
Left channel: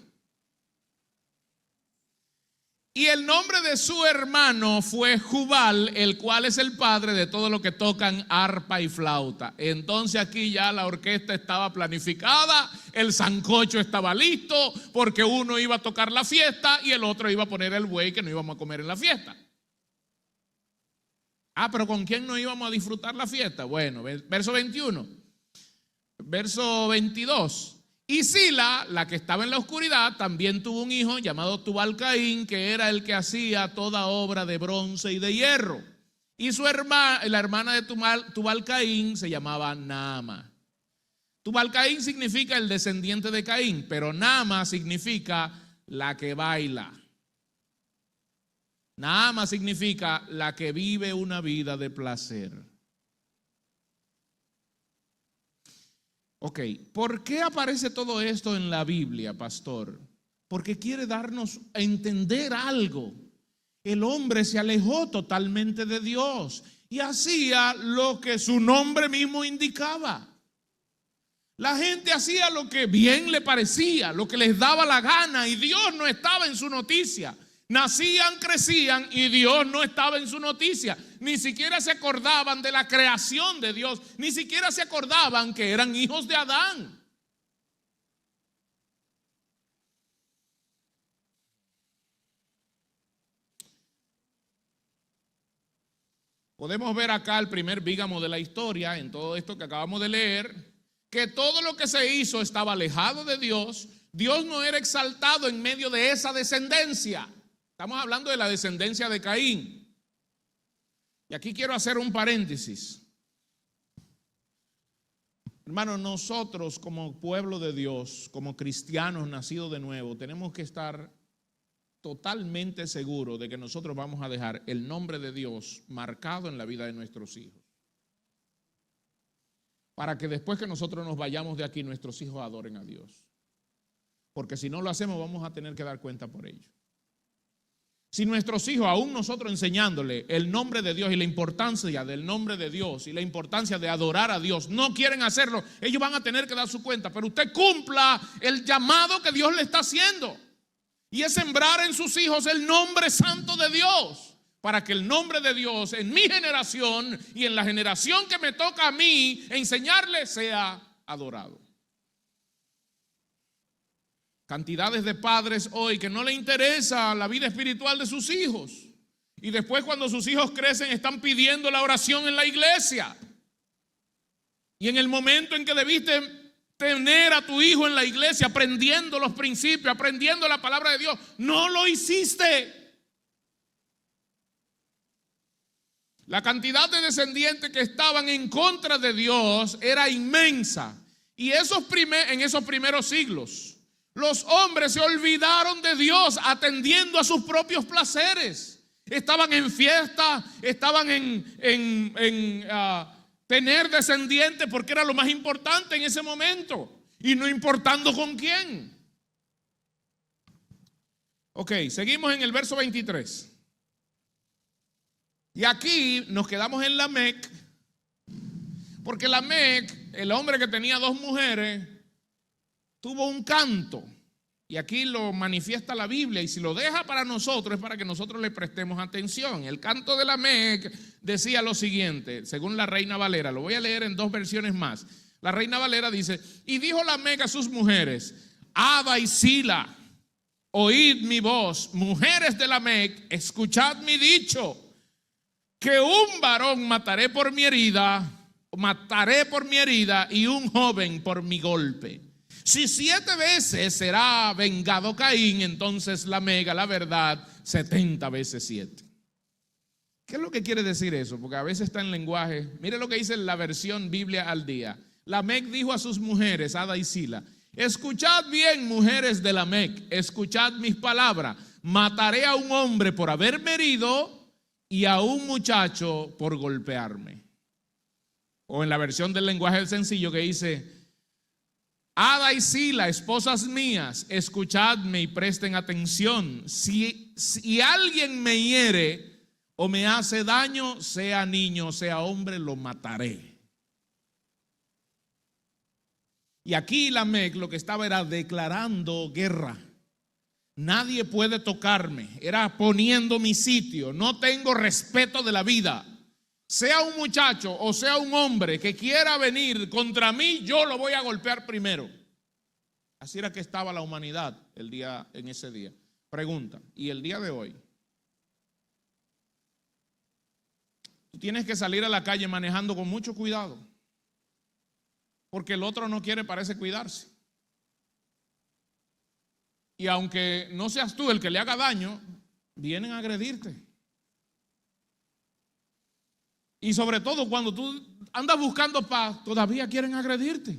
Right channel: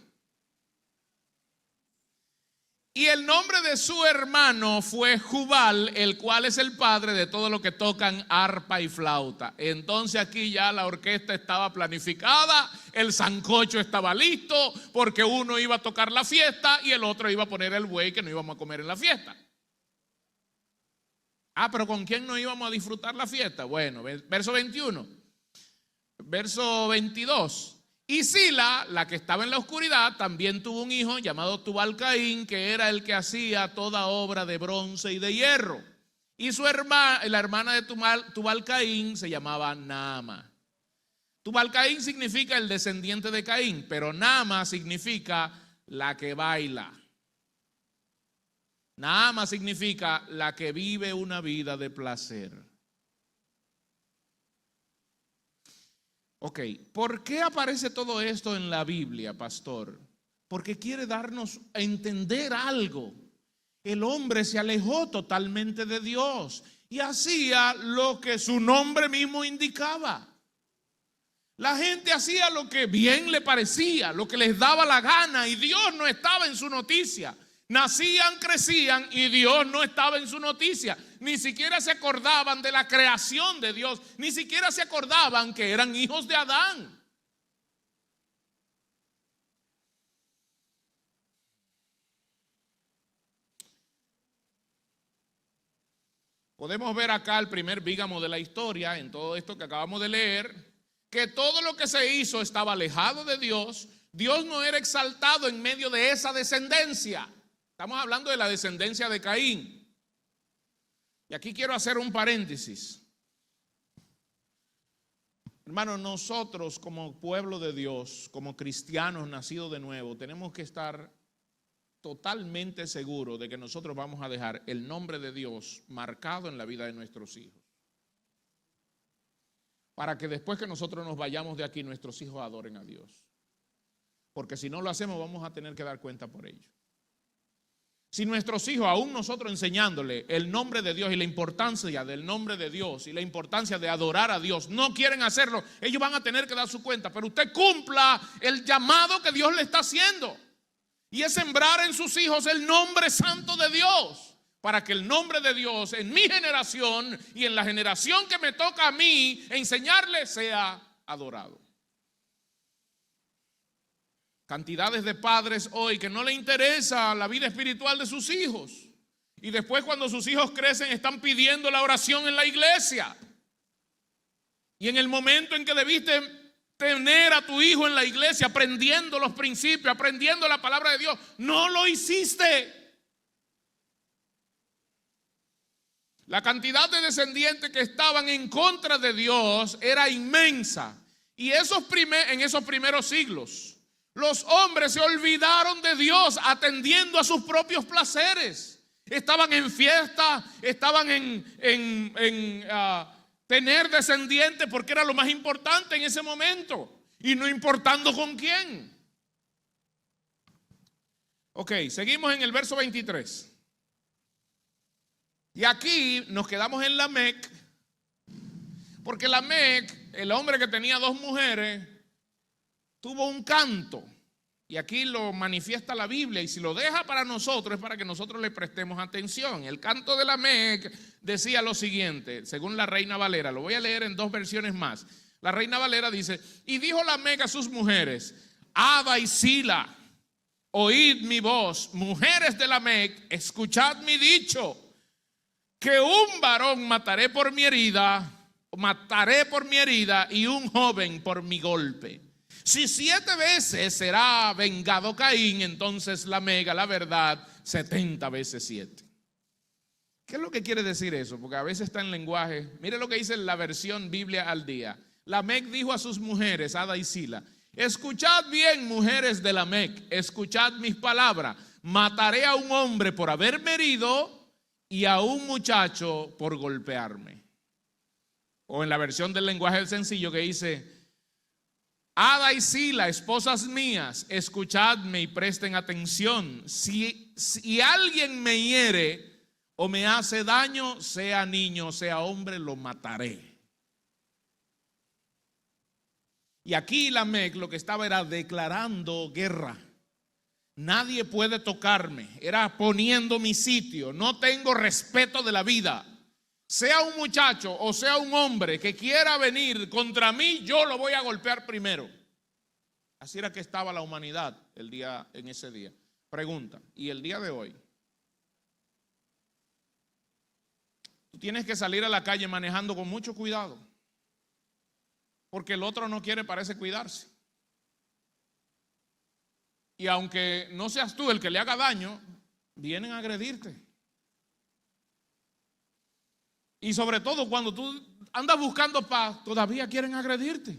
Y el nombre de su hermano fue Jubal, el cual es el padre de todo lo que tocan arpa y flauta. Entonces aquí ya la orquesta estaba planificada, el sancocho estaba listo, porque uno iba a tocar la fiesta y el otro iba a poner el buey que no íbamos a comer en la fiesta. Pero ¿con quién no íbamos a disfrutar la fiesta? Bueno, verso 21. Verso 22. Y Zila, la que estaba en la oscuridad, también tuvo un hijo llamado Tubal-Caín, que era el que hacía toda obra de bronce y de hierro. Y la hermana de Tubal-Caín se llamaba Naama. Tubal-Caín significa el descendiente de Caín, pero Naama significa la que baila. Naama significa la que vive una vida de placer. Ok, ¿por qué aparece todo esto en la Biblia, pastor? Porque quiere darnos a entender algo. El hombre se alejó totalmente de Dios y hacía lo que su nombre mismo indicaba. La gente hacía lo que bien le parecía, lo que les daba la gana, y Dios no estaba en su noticia. Nacían, crecían y Dios no estaba en su noticia. Ni siquiera se acordaban de la creación de Dios, ni siquiera se acordaban que eran hijos de Adán. Podemos ver acá el primer bígamo de la historia en todo esto que acabamos de leer, que todo lo que se hizo estaba alejado de Dios. Dios no era exaltado en medio de esa descendencia. Estamos hablando de la descendencia de Caín. Y aquí quiero hacer un paréntesis. Hermanos, nosotros como pueblo de Dios, como cristianos nacidos de nuevo, tenemos que estar totalmente seguros de que nosotros vamos a dejar el nombre de Dios marcado en la vida de nuestros hijos. Para que después que nosotros nos vayamos de aquí, nuestros hijos adoren a Dios. Porque si no lo hacemos, vamos a tener que dar cuenta por ello. Si nuestros hijos, aún nosotros enseñándole el nombre de Dios y la importancia del nombre de Dios y la importancia de adorar a Dios, no quieren hacerlo, ellos van a tener que dar su cuenta. Pero usted cumpla el llamado que Dios le está haciendo, y es sembrar en sus hijos el nombre santo de Dios, para que el nombre de Dios en mi generación y en la generación que me toca a mí enseñarle sea adorado. Cantidades de padres hoy que no le interesa la vida espiritual de sus hijos, y después cuando sus hijos crecen están pidiendo la oración en la iglesia, y en el momento en que debiste tener a tu hijo en la iglesia aprendiendo los principios, aprendiendo la palabra de Dios, no lo hiciste. La cantidad de descendientes que estaban en contra de Dios era inmensa, y en esos primeros siglos los hombres se olvidaron de Dios atendiendo a sus propios placeres. Estaban en fiesta, estaban tener descendientes porque era lo más importante en ese momento, y no importando con quién. Ok, seguimos en el verso 23. Y aquí nos quedamos en Lamec, porque Lamec, el hombre que tenía 2 mujeres, tuvo un canto. Y aquí lo manifiesta la Biblia, y si lo deja para nosotros es para que nosotros le prestemos atención. El canto de Lamec decía lo siguiente, según la Reina Valera, lo voy a leer en 2 versiones más. La Reina Valera dice: y dijo Lamec a sus mujeres, Ada y Sila, oíd mi voz, mujeres de Lamec, escuchad mi dicho, que un varón mataré por mi herida y un joven por mi golpe. Si 7 veces será vengado Caín, entonces Lamec, la verdad, 70 veces 7. ¿Qué es lo que quiere decir eso? Porque a veces está en lenguaje. Mire lo que dice la versión Biblia al día. Lamec dijo a sus mujeres, Ada y Sila: escuchad bien, mujeres de Lamec, escuchad mis palabras. Mataré a un hombre por haberme herido y a un muchacho por golpearme. O en la versión del lenguaje sencillo que dice: Ada y Sila, esposas mías, escuchadme y presten atención. Si alguien me hiere o me hace daño, sea niño, sea hombre, lo mataré. Y aquí Lamec lo que estaba era declarando guerra. Nadie puede tocarme, era poniendo mi sitio. No tengo respeto de la vida. Sea un muchacho o sea un hombre que quiera venir contra mí, yo lo voy a golpear primero. Así era que estaba la humanidad en ese día. Pregunta, ¿y el día de hoy? Tú tienes que salir a la calle manejando con mucho cuidado, porque el otro no quiere, parece, cuidarse. Y aunque no seas tú el que le haga daño, vienen a agredirte. Y sobre todo cuando tú andas buscando paz, todavía quieren agredirte.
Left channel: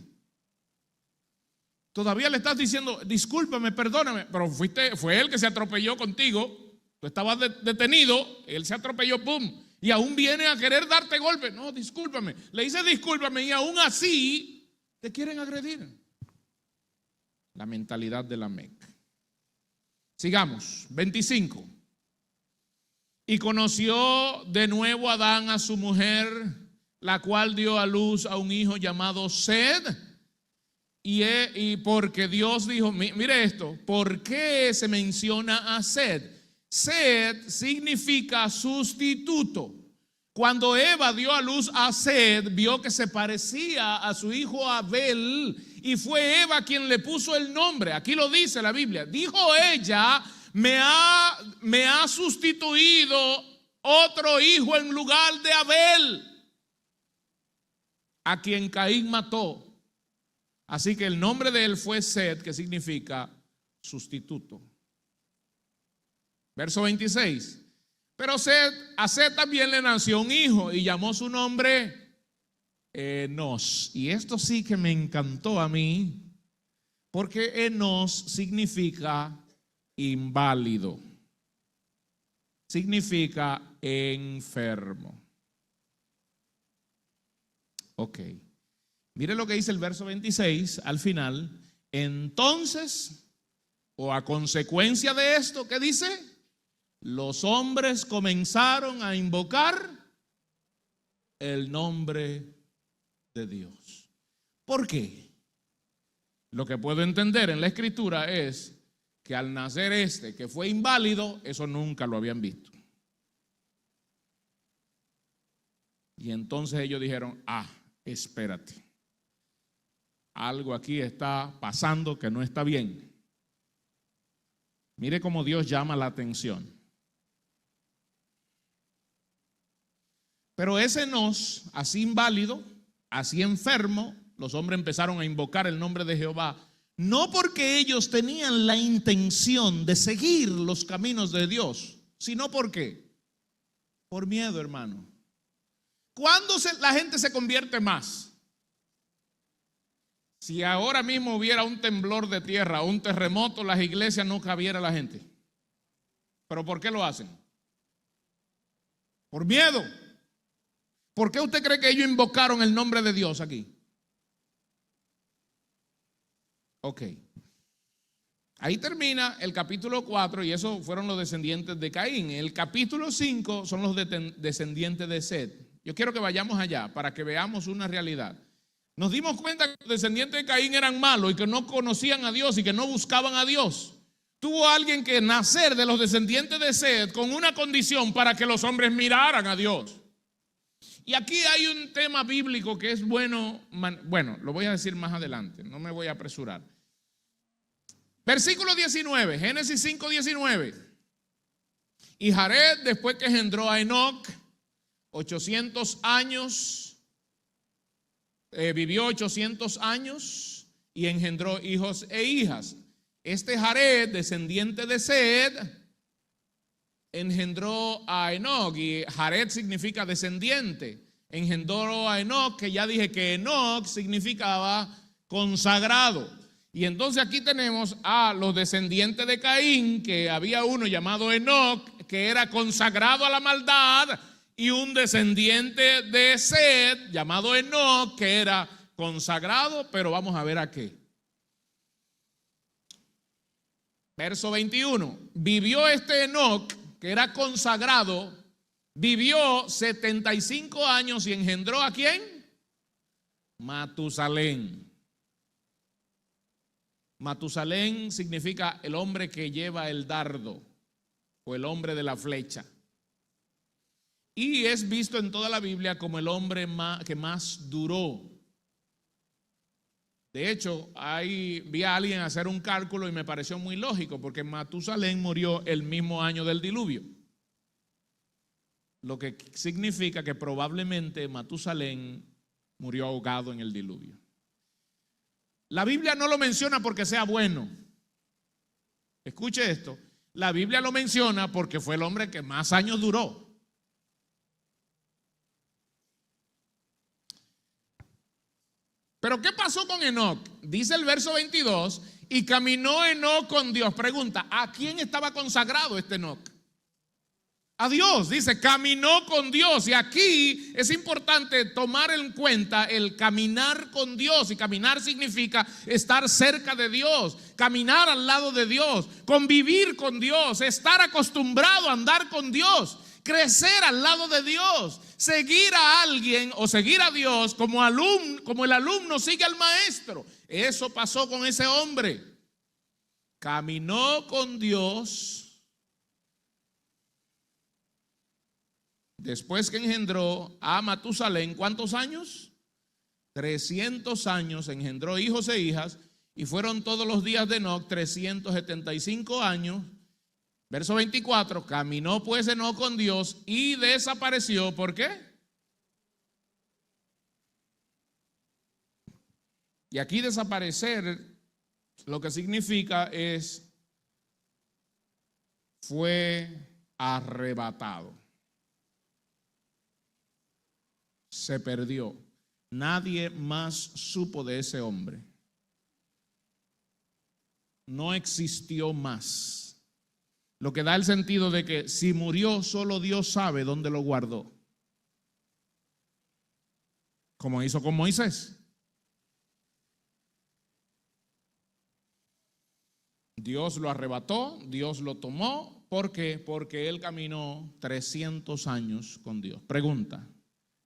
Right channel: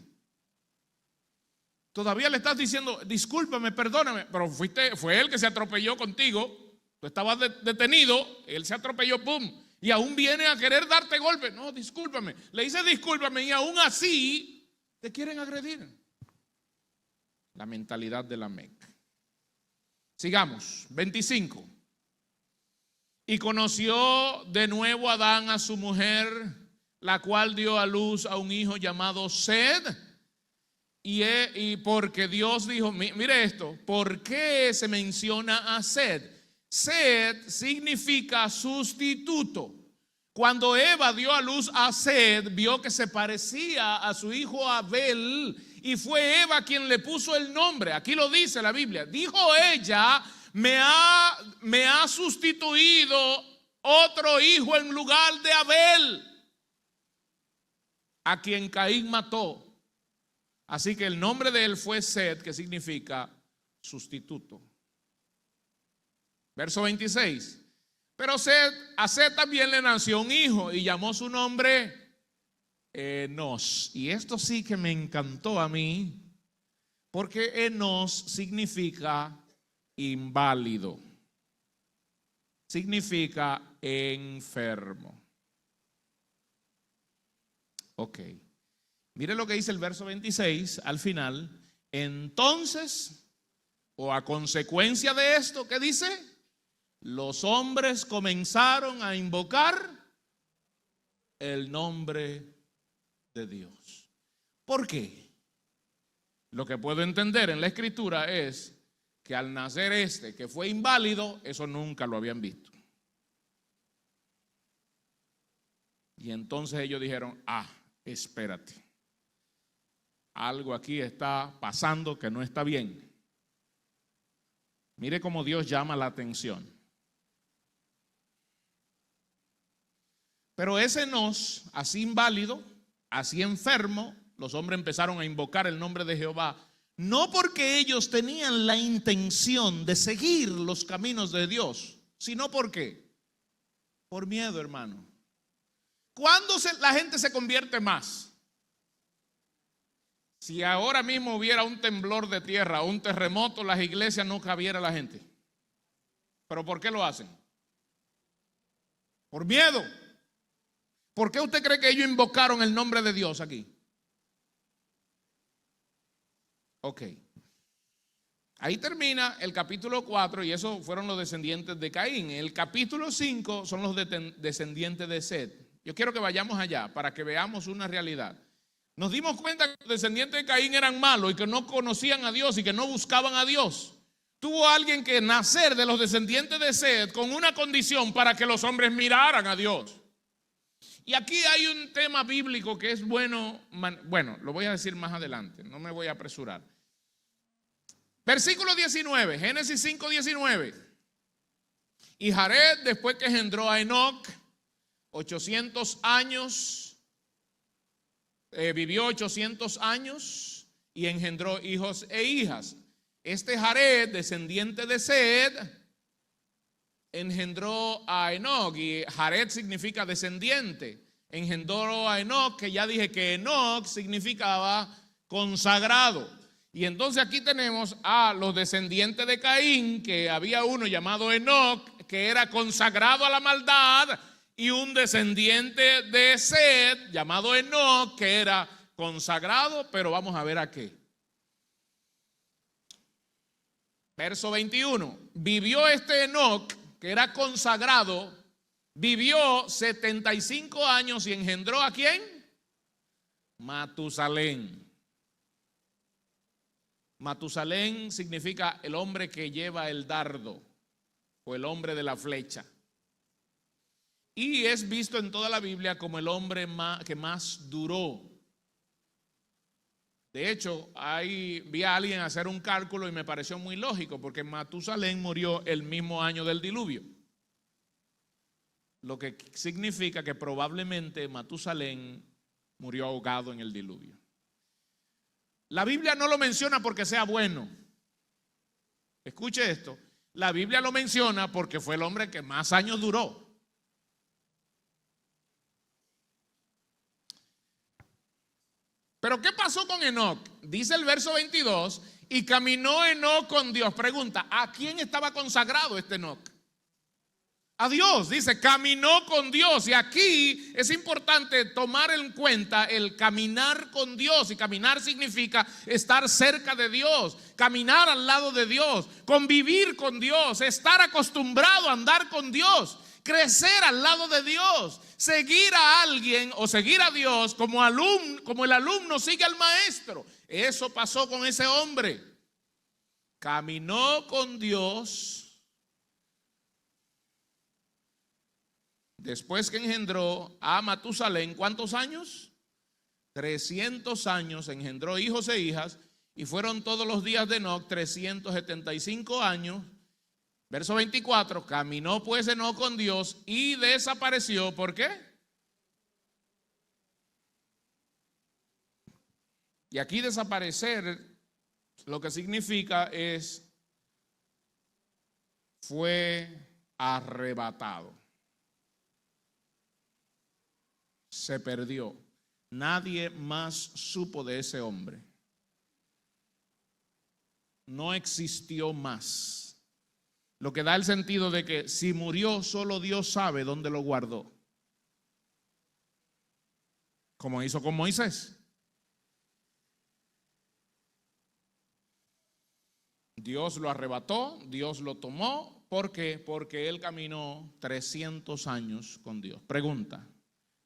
Todavía le estás diciendo, discúlpame, perdóname, pero fue él que se atropelló contigo. Tú estabas detenido, él se atropelló, pum, y aún viene a querer darte golpe. No, discúlpame. Le dice discúlpame y aún así te quieren agredir. La mentalidad de Lamec. Sigamos, 25. Y conoció de nuevo Adán a su mujer, la cual dio a luz a un hijo llamado Sed. Y porque Dios dijo, mire esto, ¿por qué se menciona a Sed? Sed significa sustituto. Cuando Eva dio a luz a Sed, vio que se parecía a su hijo Abel, y fue Eva quien le puso el nombre. Aquí lo dice la Biblia. Dijo ella, me ha sustituido otro hijo en lugar de Abel, a quien Caín mató. Así que el nombre de él fue Sed, que significa sustituto. Verso 26. Pero a Sed también le nació un hijo y llamó su nombre Enos. Y esto sí que me encantó a mí, porque Enos significa inválido, significa enfermo. Ok. Mire lo que dice el verso 26 al final. Entonces, o a consecuencia de esto, ¿qué dice? Los hombres comenzaron a invocar el nombre de Dios. ¿Por qué? Lo que puedo entender en la escritura es que al nacer que fue inválido, eso nunca lo habían visto. Y entonces ellos dijeron, espérate. Algo aquí está pasando que no está bien. Mire cómo Dios llama la atención. Pero ese Enos, así inválido, así enfermo, los hombres empezaron a invocar el nombre de Jehová, no porque ellos tenían la intención de seguir los caminos de Dios, sino porque, por miedo, hermano. ¿Cuándo la gente se convierte más? Si ahora mismo hubiera un temblor de tierra, un terremoto, las iglesias no cabiera la gente. ¿Pero por qué lo hacen? Por miedo. ¿Por qué usted cree que ellos invocaron el nombre de Dios aquí? Ok. Ahí termina el capítulo 4 y esos fueron los descendientes de Caín. El capítulo 5 son los descendientes de Set. Yo quiero que vayamos allá para que veamos una realidad. Nos dimos cuenta que los descendientes de Caín eran malos y que no conocían a Dios y que no buscaban a Dios. Tuvo alguien que nacer de los descendientes de Set con una condición para que los hombres miraran a Dios. Y aquí hay un tema bíblico que es bueno, lo voy a decir más adelante, no me voy a apresurar. Versículo 19, Génesis 5, 19. Y Jared, después que engendró a Enoc, 800 años, vivió 800 años y engendró hijos e hijas. Este Jared, descendiente de Set, engendró a Enoc, y Jared significa descendiente. Engendró a Enoc, que ya dije que Enoc significaba consagrado. Y entonces aquí tenemos a los descendientes de Caín, que había uno llamado Enoc, que era consagrado a la maldad, y un descendiente de Set, llamado Enoc, que era consagrado, pero vamos a ver a qué. Verso 21, vivió este Enoc, que era consagrado, vivió 75 años y engendró ¿a quién? Matusalén. Matusalén significa el hombre que lleva el dardo o el hombre de la flecha. Y es visto en toda la Biblia como el hombre que más duró. De hecho, vi a alguien hacer un cálculo y me pareció muy lógico, porque Matusalén murió el mismo año del diluvio. Lo que significa que probablemente Matusalén murió ahogado en el diluvio. La Biblia no lo menciona porque sea bueno. Escuche esto. La Biblia lo menciona porque fue el hombre que más años duró. Pero ¿qué pasó con Enoc? Dice el verso 22, y caminó Enoc con Dios. Pregunta, ¿a quién estaba consagrado este Enoc? A Dios, dice, caminó con Dios. Y aquí es importante tomar en cuenta el caminar con Dios. Y caminar significa estar cerca de Dios, caminar al lado de Dios, convivir con Dios, estar acostumbrado a andar con Dios, crecer al lado de Dios, seguir a alguien o seguir a Dios como el alumno sigue al maestro. Eso pasó con ese hombre. Caminó con Dios. Después que engendró a Matusalén, ¿cuántos años? 300 años, engendró hijos e hijas, y fueron todos los días de Enoc 375 años. Verso 24, caminó pues Enoc con Dios y desapareció. ¿Por qué? Y aquí desaparecer, lo que significa es, fue arrebatado. Se perdió. Nadie más supo de ese hombre. No existió más. Lo que da el sentido de que si murió, solo Dios sabe dónde lo guardó. Como hizo con Moisés. Dios lo arrebató, Dios lo tomó. ¿Por qué? Porque él caminó 300 años con Dios. Pregunta,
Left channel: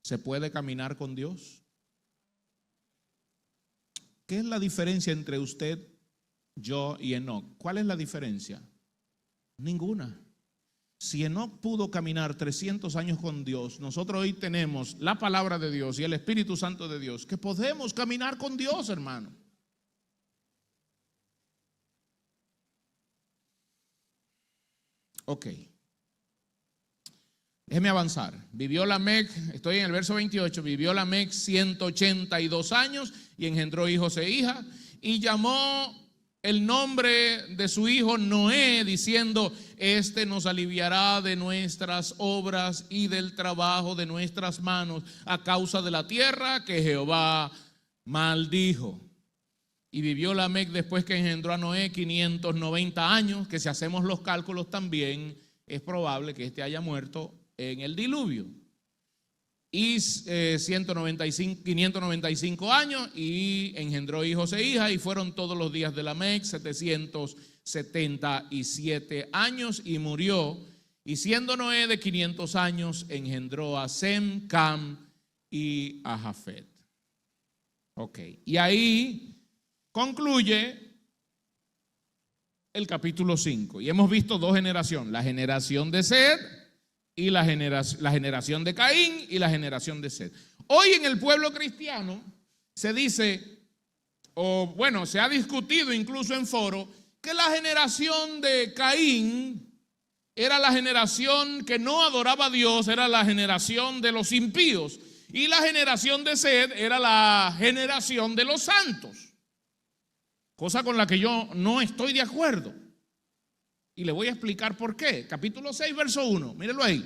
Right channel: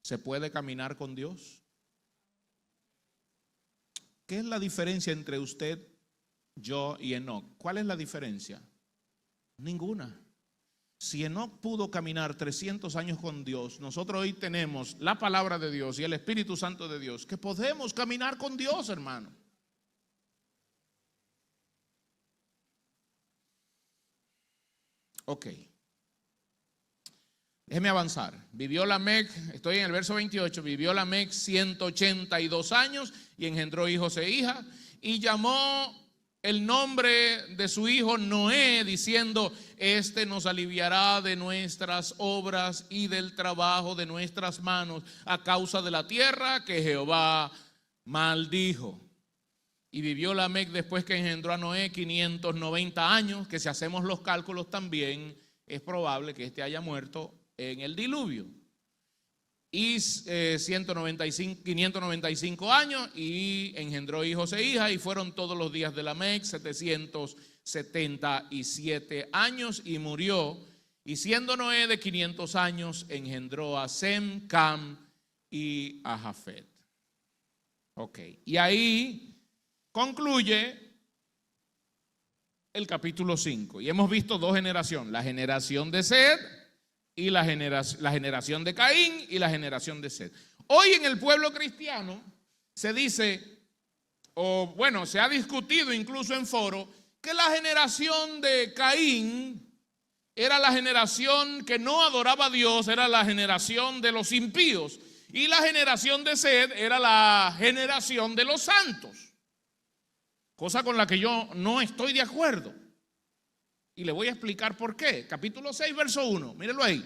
¿se puede caminar con Dios? ¿Qué es la diferencia entre usted, yo y Enoc? ¿Cuál es la diferencia? Ninguna. Si Enoc pudo caminar 300 años con Dios, nosotros hoy tenemos la palabra de Dios y el Espíritu Santo de Dios, que podemos caminar con Dios, hermano. Ok. Déjeme avanzar. Vivió Lamec, estoy en el verso 28, vivió Lamec 182 años y engendró hijos e hijas, y llamó el nombre de su hijo Noé, diciendo, este nos aliviará de nuestras obras y del trabajo de nuestras manos a causa de la tierra que Jehová maldijo. Y vivió Lamec después que engendró a Noé 590 años, que si hacemos los cálculos también es probable que este haya muerto en el diluvio. y 595 años, y engendró hijos e hijas, y fueron todos los días de Lamec 777 años, y murió. Y siendo Noé de 500 años, engendró a Sem, Cam y a Jafet. Ok, y ahí concluye el capítulo 5. Y hemos visto dos generaciones: la generación de Sed y la generación de Caín y la generación de Sed. Hoy en el pueblo cristiano se dice, o bueno, se ha discutido incluso en foro, que la generación de Caín era la generación que no adoraba a Dios, era la generación de los impíos, y la generación de Sed era la generación de los santos, cosa con la que yo no estoy de acuerdo. Y le voy a explicar por qué. Capítulo 6, verso 1, mírenlo ahí.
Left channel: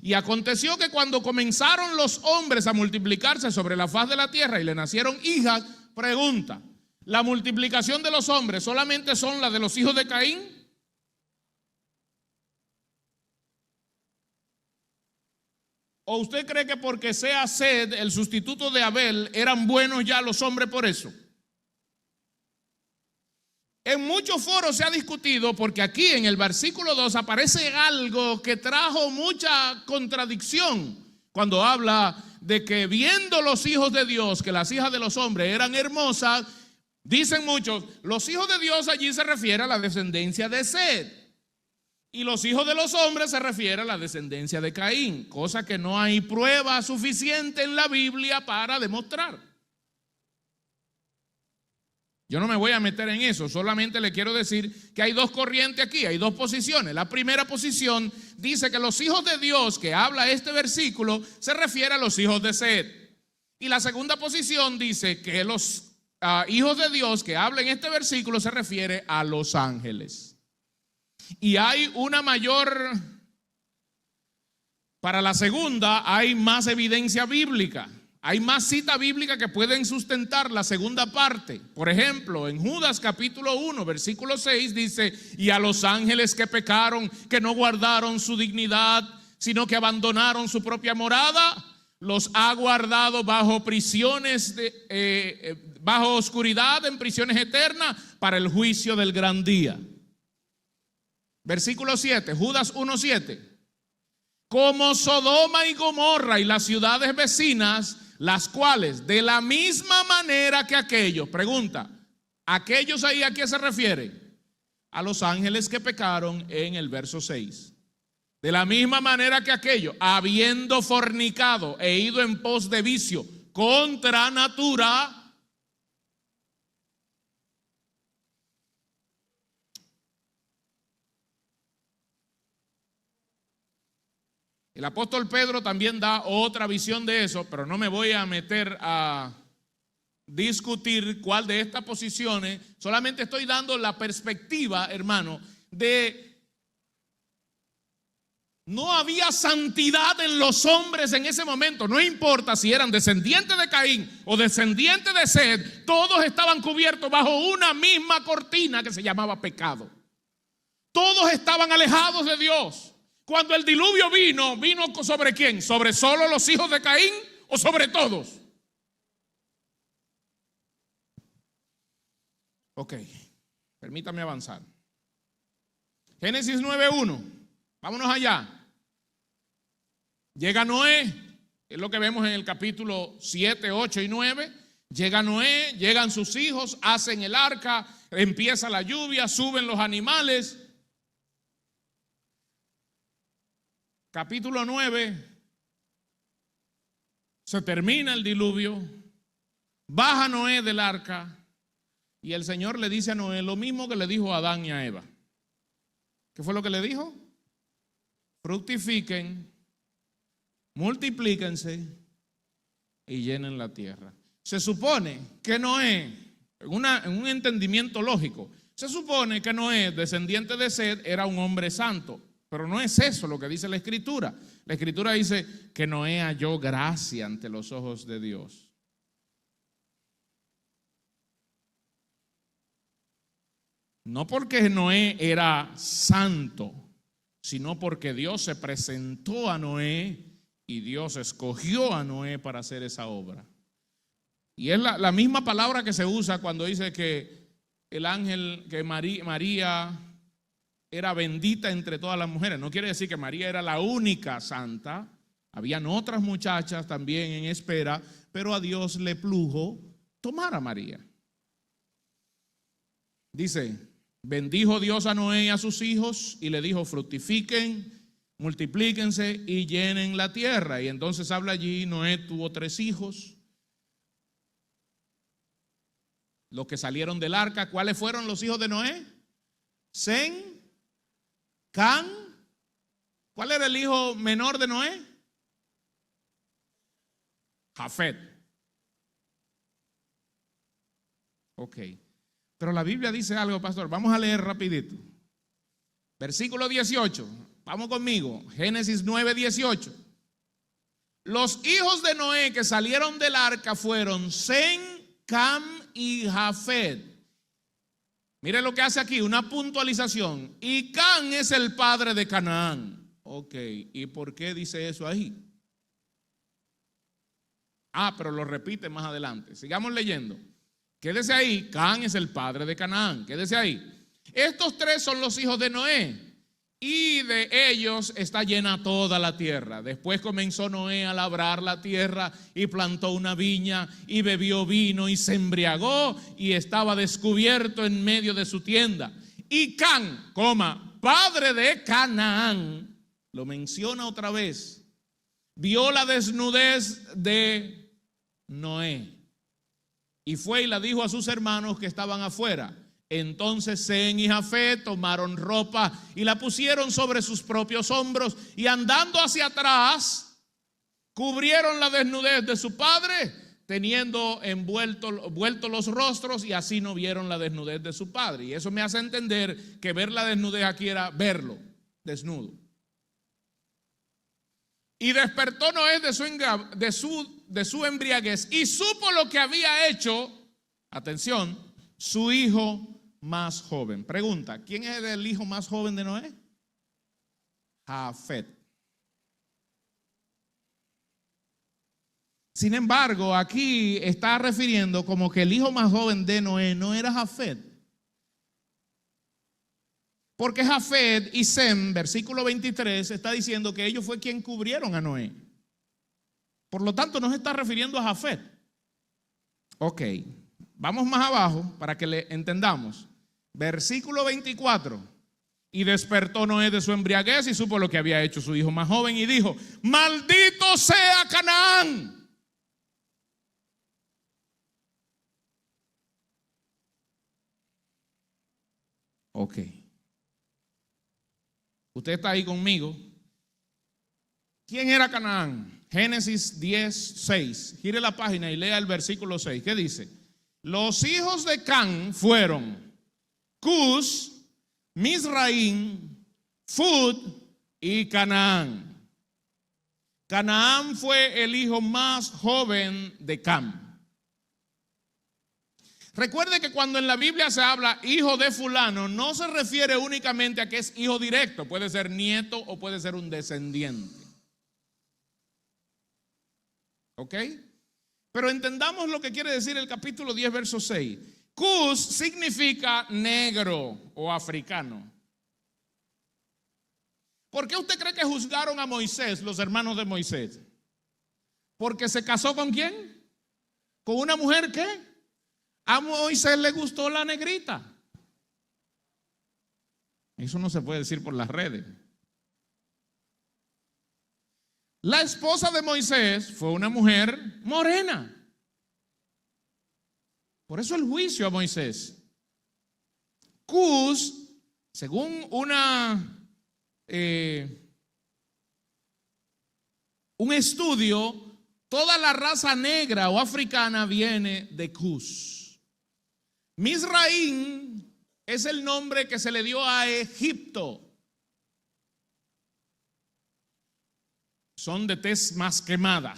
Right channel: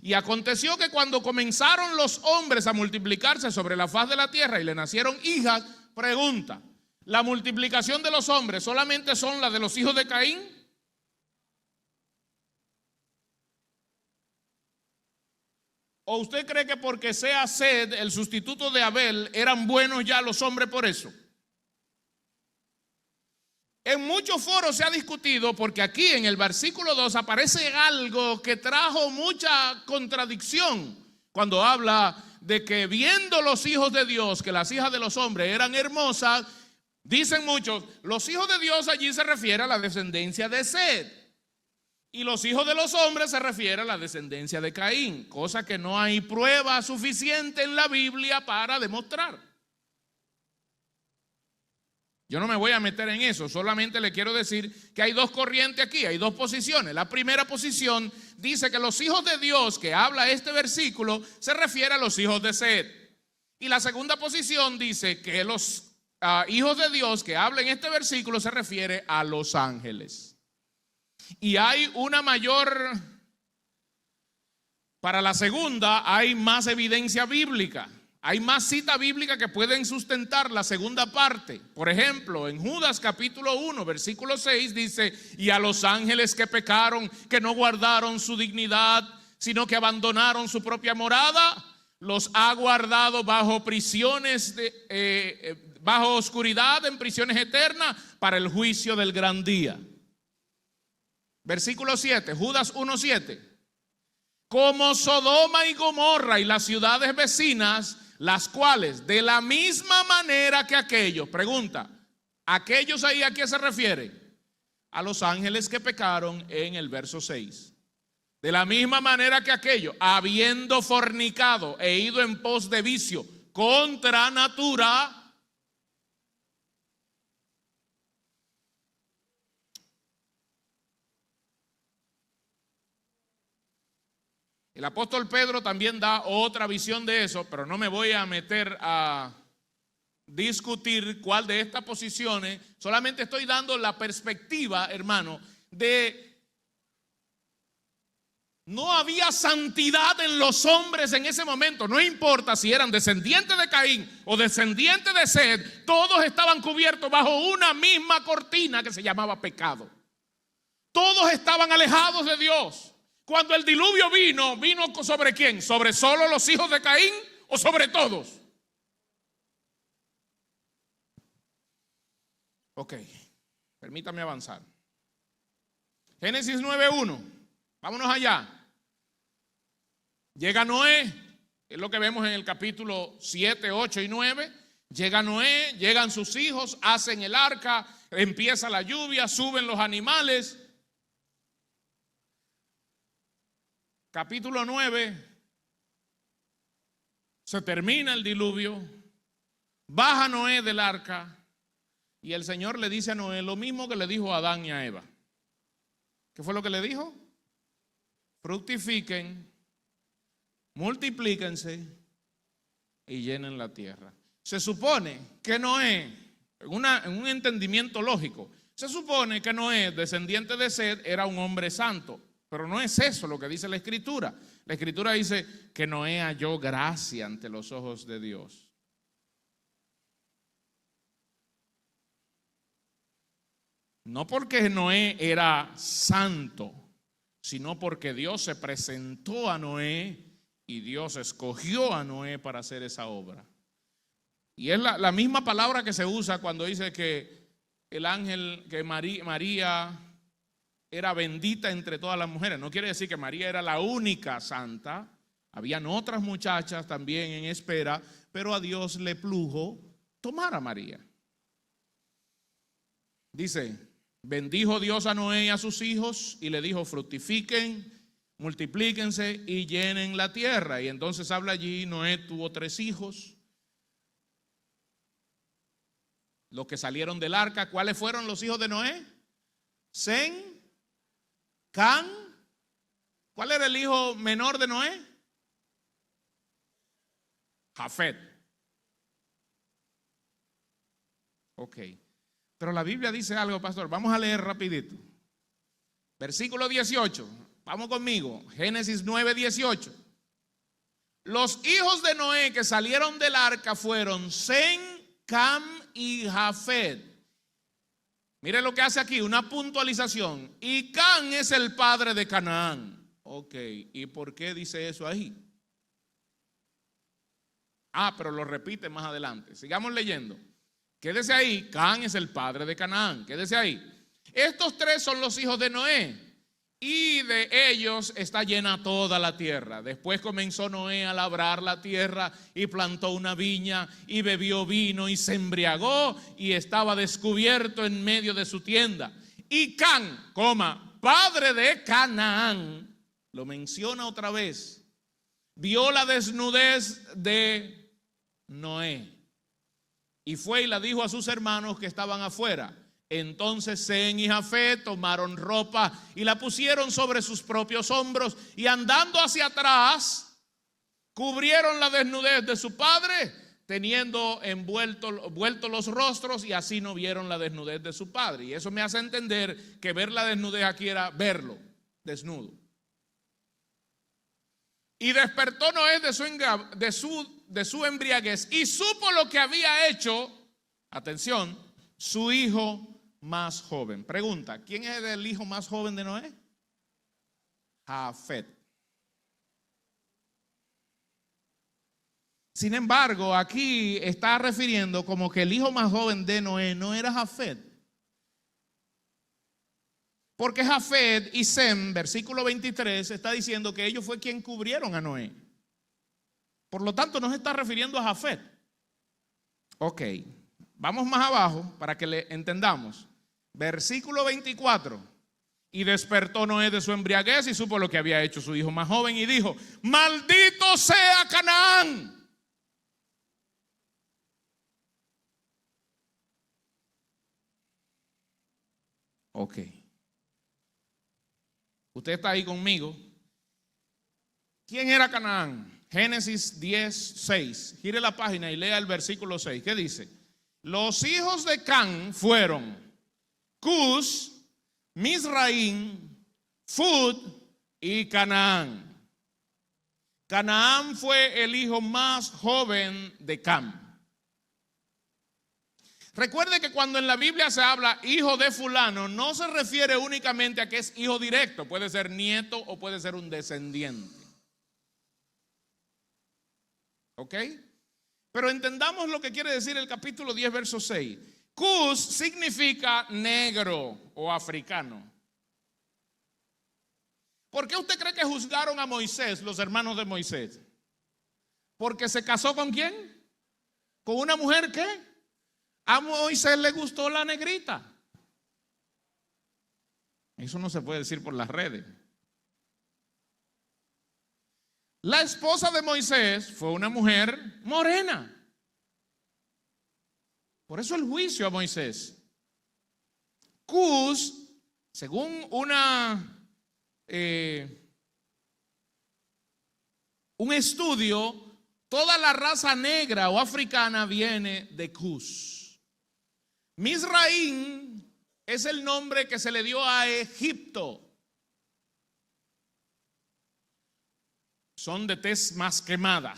Y aconteció que cuando comenzaron los hombres a multiplicarse sobre la faz de la tierra y le nacieron hijas, pregunta, ¿la multiplicación de los hombres solamente son las de los hijos de Caín? ¿O usted cree que porque sea Sed, el sustituto de Abel, eran buenos ya los hombres por eso? En muchos foros se ha discutido, porque aquí en el versículo 2 aparece algo que trajo mucha contradicción cuando habla de que viendo los hijos de Dios que las hijas de los hombres eran hermosas, dicen muchos, los hijos de Dios allí se refiere a la descendencia de Sed, y los hijos de los hombres se refiere a la descendencia de Caín, cosa que no hay prueba suficiente en la Biblia para demostrar. Yo no me voy a meter en eso, solamente le quiero decir que hay dos corrientes aquí, hay dos posiciones. La primera posición dice que los hijos de Dios que habla este versículo se refiere a los hijos de Sed. Y la segunda posición dice que los hijos de Dios que habla en este versículo se refiere a los ángeles. Y hay una mayor, para la segunda hay más evidencia bíblica. Hay más citas bíblicas que pueden sustentar la segunda parte. Por ejemplo, en Judas capítulo 1, versículo 6 dice, y a los ángeles que pecaron, que no guardaron su dignidad, sino que abandonaron su propia morada, los ha guardado bajo prisiones, bajo oscuridad, en prisiones eternas, para el juicio del gran día. Versículo 7, Judas 1, 7. Como Sodoma y Gomorra y las ciudades vecinas, las cuales de la misma manera que aquellos, pregunta, ¿aquellos ahí a qué se refiere? A los ángeles que pecaron en el verso 6. De la misma manera que aquellos, habiendo fornicado e ido en pos de vicio contra natura, el apóstol Pedro también da otra visión de eso, pero no me voy a meter a discutir cuál de estas posiciones, solamente estoy dando la perspectiva, hermano, de no había santidad en los hombres en ese momento, no importa si eran descendientes de Caín o descendientes de Sed, todos estaban cubiertos bajo una misma cortina que se llamaba pecado. Todos estaban alejados de Dios. Cuando el diluvio ¿vino sobre quién? ¿Sobre solo los hijos de Caín o sobre todos? Ok, permítame avanzar. Génesis 9:1, vámonos allá. Llega Noé, es lo que vemos en el capítulo 7, 8 y 9. Llega Noé, llegan sus hijos, hacen el arca, empieza la lluvia, suben los animales. Capítulo 9, se termina el diluvio, baja Noé del arca y el Señor le dice a Noé lo mismo que le dijo a Adán y a Eva. ¿Qué fue lo que le dijo? Fructifiquen, multiplíquense y llenen la tierra. Se supone que Noé, en un entendimiento lógico, se supone que Noé, descendiente de Sed, era un hombre santo. Pero no es eso lo que dice la Escritura. La Escritura dice que Noé halló gracia ante los ojos de Dios. No porque Noé era santo, sino porque Dios se presentó a Noé Y Dios escogió a Noé para hacer esa obra. Y es la misma palabra que se usa cuando dice que el ángel, que María era bendita entre todas las mujeres. No quiere decir que María era la única santa. Habían otras muchachas también en espera, pero a Dios le plugo tomar a María. Dice, bendijo Dios a Noé y a sus hijos y le dijo, fructifiquen, multiplíquense y llenen la tierra. Y entonces habla allí, Noé tuvo 3 hijos. Los que salieron del arca, ¿cuáles fueron los hijos de Noé? Sem, Can. ¿Cuál era el hijo menor de Noé? Jafet. Ok. Pero la Biblia dice algo, pastor. Vamos a leer rapidito. Versículo 18. Vamos conmigo. Génesis 9, 18. Los hijos de Noé que salieron del arca fueron Sem, Cam y Jafet. Mire lo que hace aquí, una puntualización. Y Can es el padre de Canaán. Ok, ¿y por qué dice eso ahí? Pero lo repite más adelante. Sigamos leyendo. Quédese ahí, Can es el padre de Canaán. Quédese ahí. Estos 3 son los hijos de Noé. Y de ellos está llena toda la tierra. Después comenzó Noé a labrar la tierra y plantó una viña y bebió vino y se embriagó y estaba descubierto en medio de su tienda. Y Can, padre de Canaán, lo menciona otra vez, vio la desnudez de Noé y fue y la dijo a sus hermanos que estaban afuera. Entonces Sem y Jafet tomaron ropa y la pusieron sobre sus propios hombros y andando hacia atrás cubrieron la desnudez de su padre, teniendo envueltos los rostros, y así no vieron la desnudez de su padre. Y eso me hace entender que ver la desnudez aquí era verlo desnudo. Y despertó Noé de su embriaguez y supo lo que había hecho, atención, su hijo más joven. Pregunta, ¿quién es el hijo más joven de Noé? Jafet. Sin embargo, aquí está refiriendo como que el hijo más joven de Noé no era Jafet. Porque Jafet y Sem, versículo 23, está diciendo que ellos fue quien cubrieron a Noé. Por lo tanto, no se está refiriendo a Jafet. Ok, vamos más abajo para que le entendamos. Versículo 24. Y despertó Noé de su embriaguez y supo lo que había hecho su hijo más joven y dijo, maldito sea Canaán. Ok. Usted está ahí conmigo. ¿Quién era Canaán? Génesis 10, 6. Gire la página y lea el versículo 6. ¿Qué dice? Los hijos de Can fueron Cus, Mizraim, Fud y Canaán. Canaán fue el hijo más joven de Cam. Recuerde que cuando en la Biblia se habla hijo de fulano, no se refiere únicamente a que es hijo directo, puede ser nieto o puede ser un descendiente. ¿Ok? Pero entendamos lo que quiere decir el capítulo 10, verso 6. Cus significa negro o africano. ¿Por qué usted cree que juzgaron a Moisés, los hermanos de Moisés? ¿Porque se casó con quién? ¿Con una mujer qué? A Moisés le gustó la negrita. Eso no se puede decir por las redes. La esposa de Moisés fue una mujer morena. Por eso el juicio a Moisés. Cus, según un estudio, toda la raza negra o africana viene de Cus. Mizraim es el nombre que se le dio a Egipto. Son de tez más quemada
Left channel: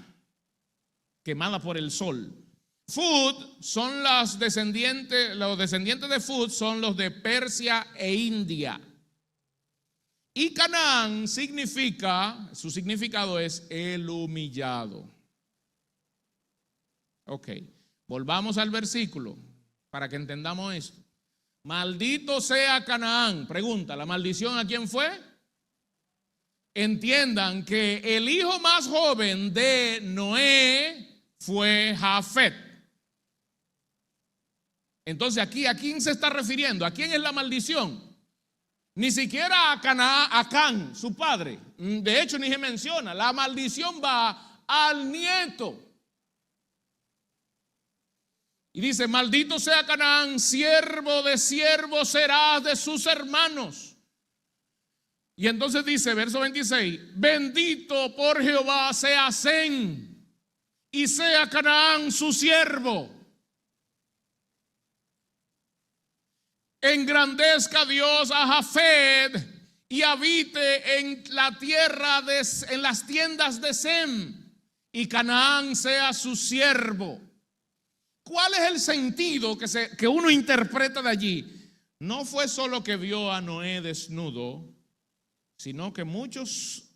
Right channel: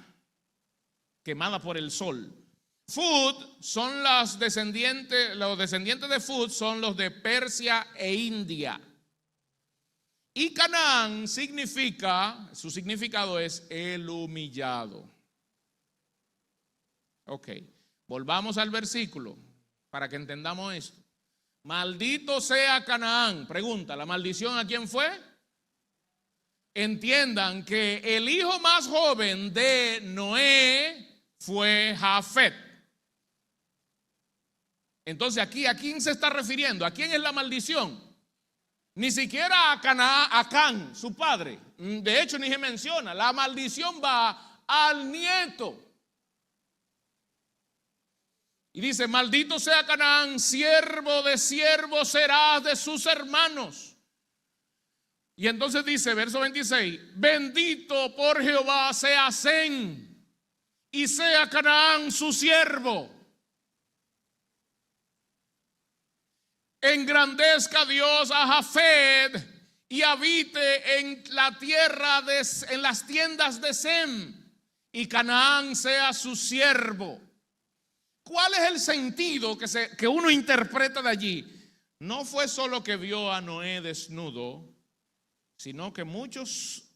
por el sol. Fud son los descendientes de Fud son los de Persia e India. Y Canaán significa, su significado es el humillado. Ok, volvamos al versículo para que entendamos esto. Maldito sea Canaán. Pregunta, ¿la maldición a quién fue? Entiendan que el hijo más joven de Noé fue Jafet. Entonces aquí, ¿a quién se está refiriendo? ¿A quién es la maldición? Ni siquiera a Canaán, a Can, su padre. De hecho, ni se menciona. La maldición va al nieto. Y dice, maldito sea Canaán, siervo de siervo serás de sus hermanos. Y entonces dice, verso 26, bendito por Jehová sea Sem, y sea Canaán su siervo. Engrandezca Dios a Jafet y habite en la tierra, en las tiendas de Sem, y Canaán sea su siervo. ¿Cuál es el sentido que uno interpreta de allí? No fue solo que vio a Noé desnudo, sino que muchos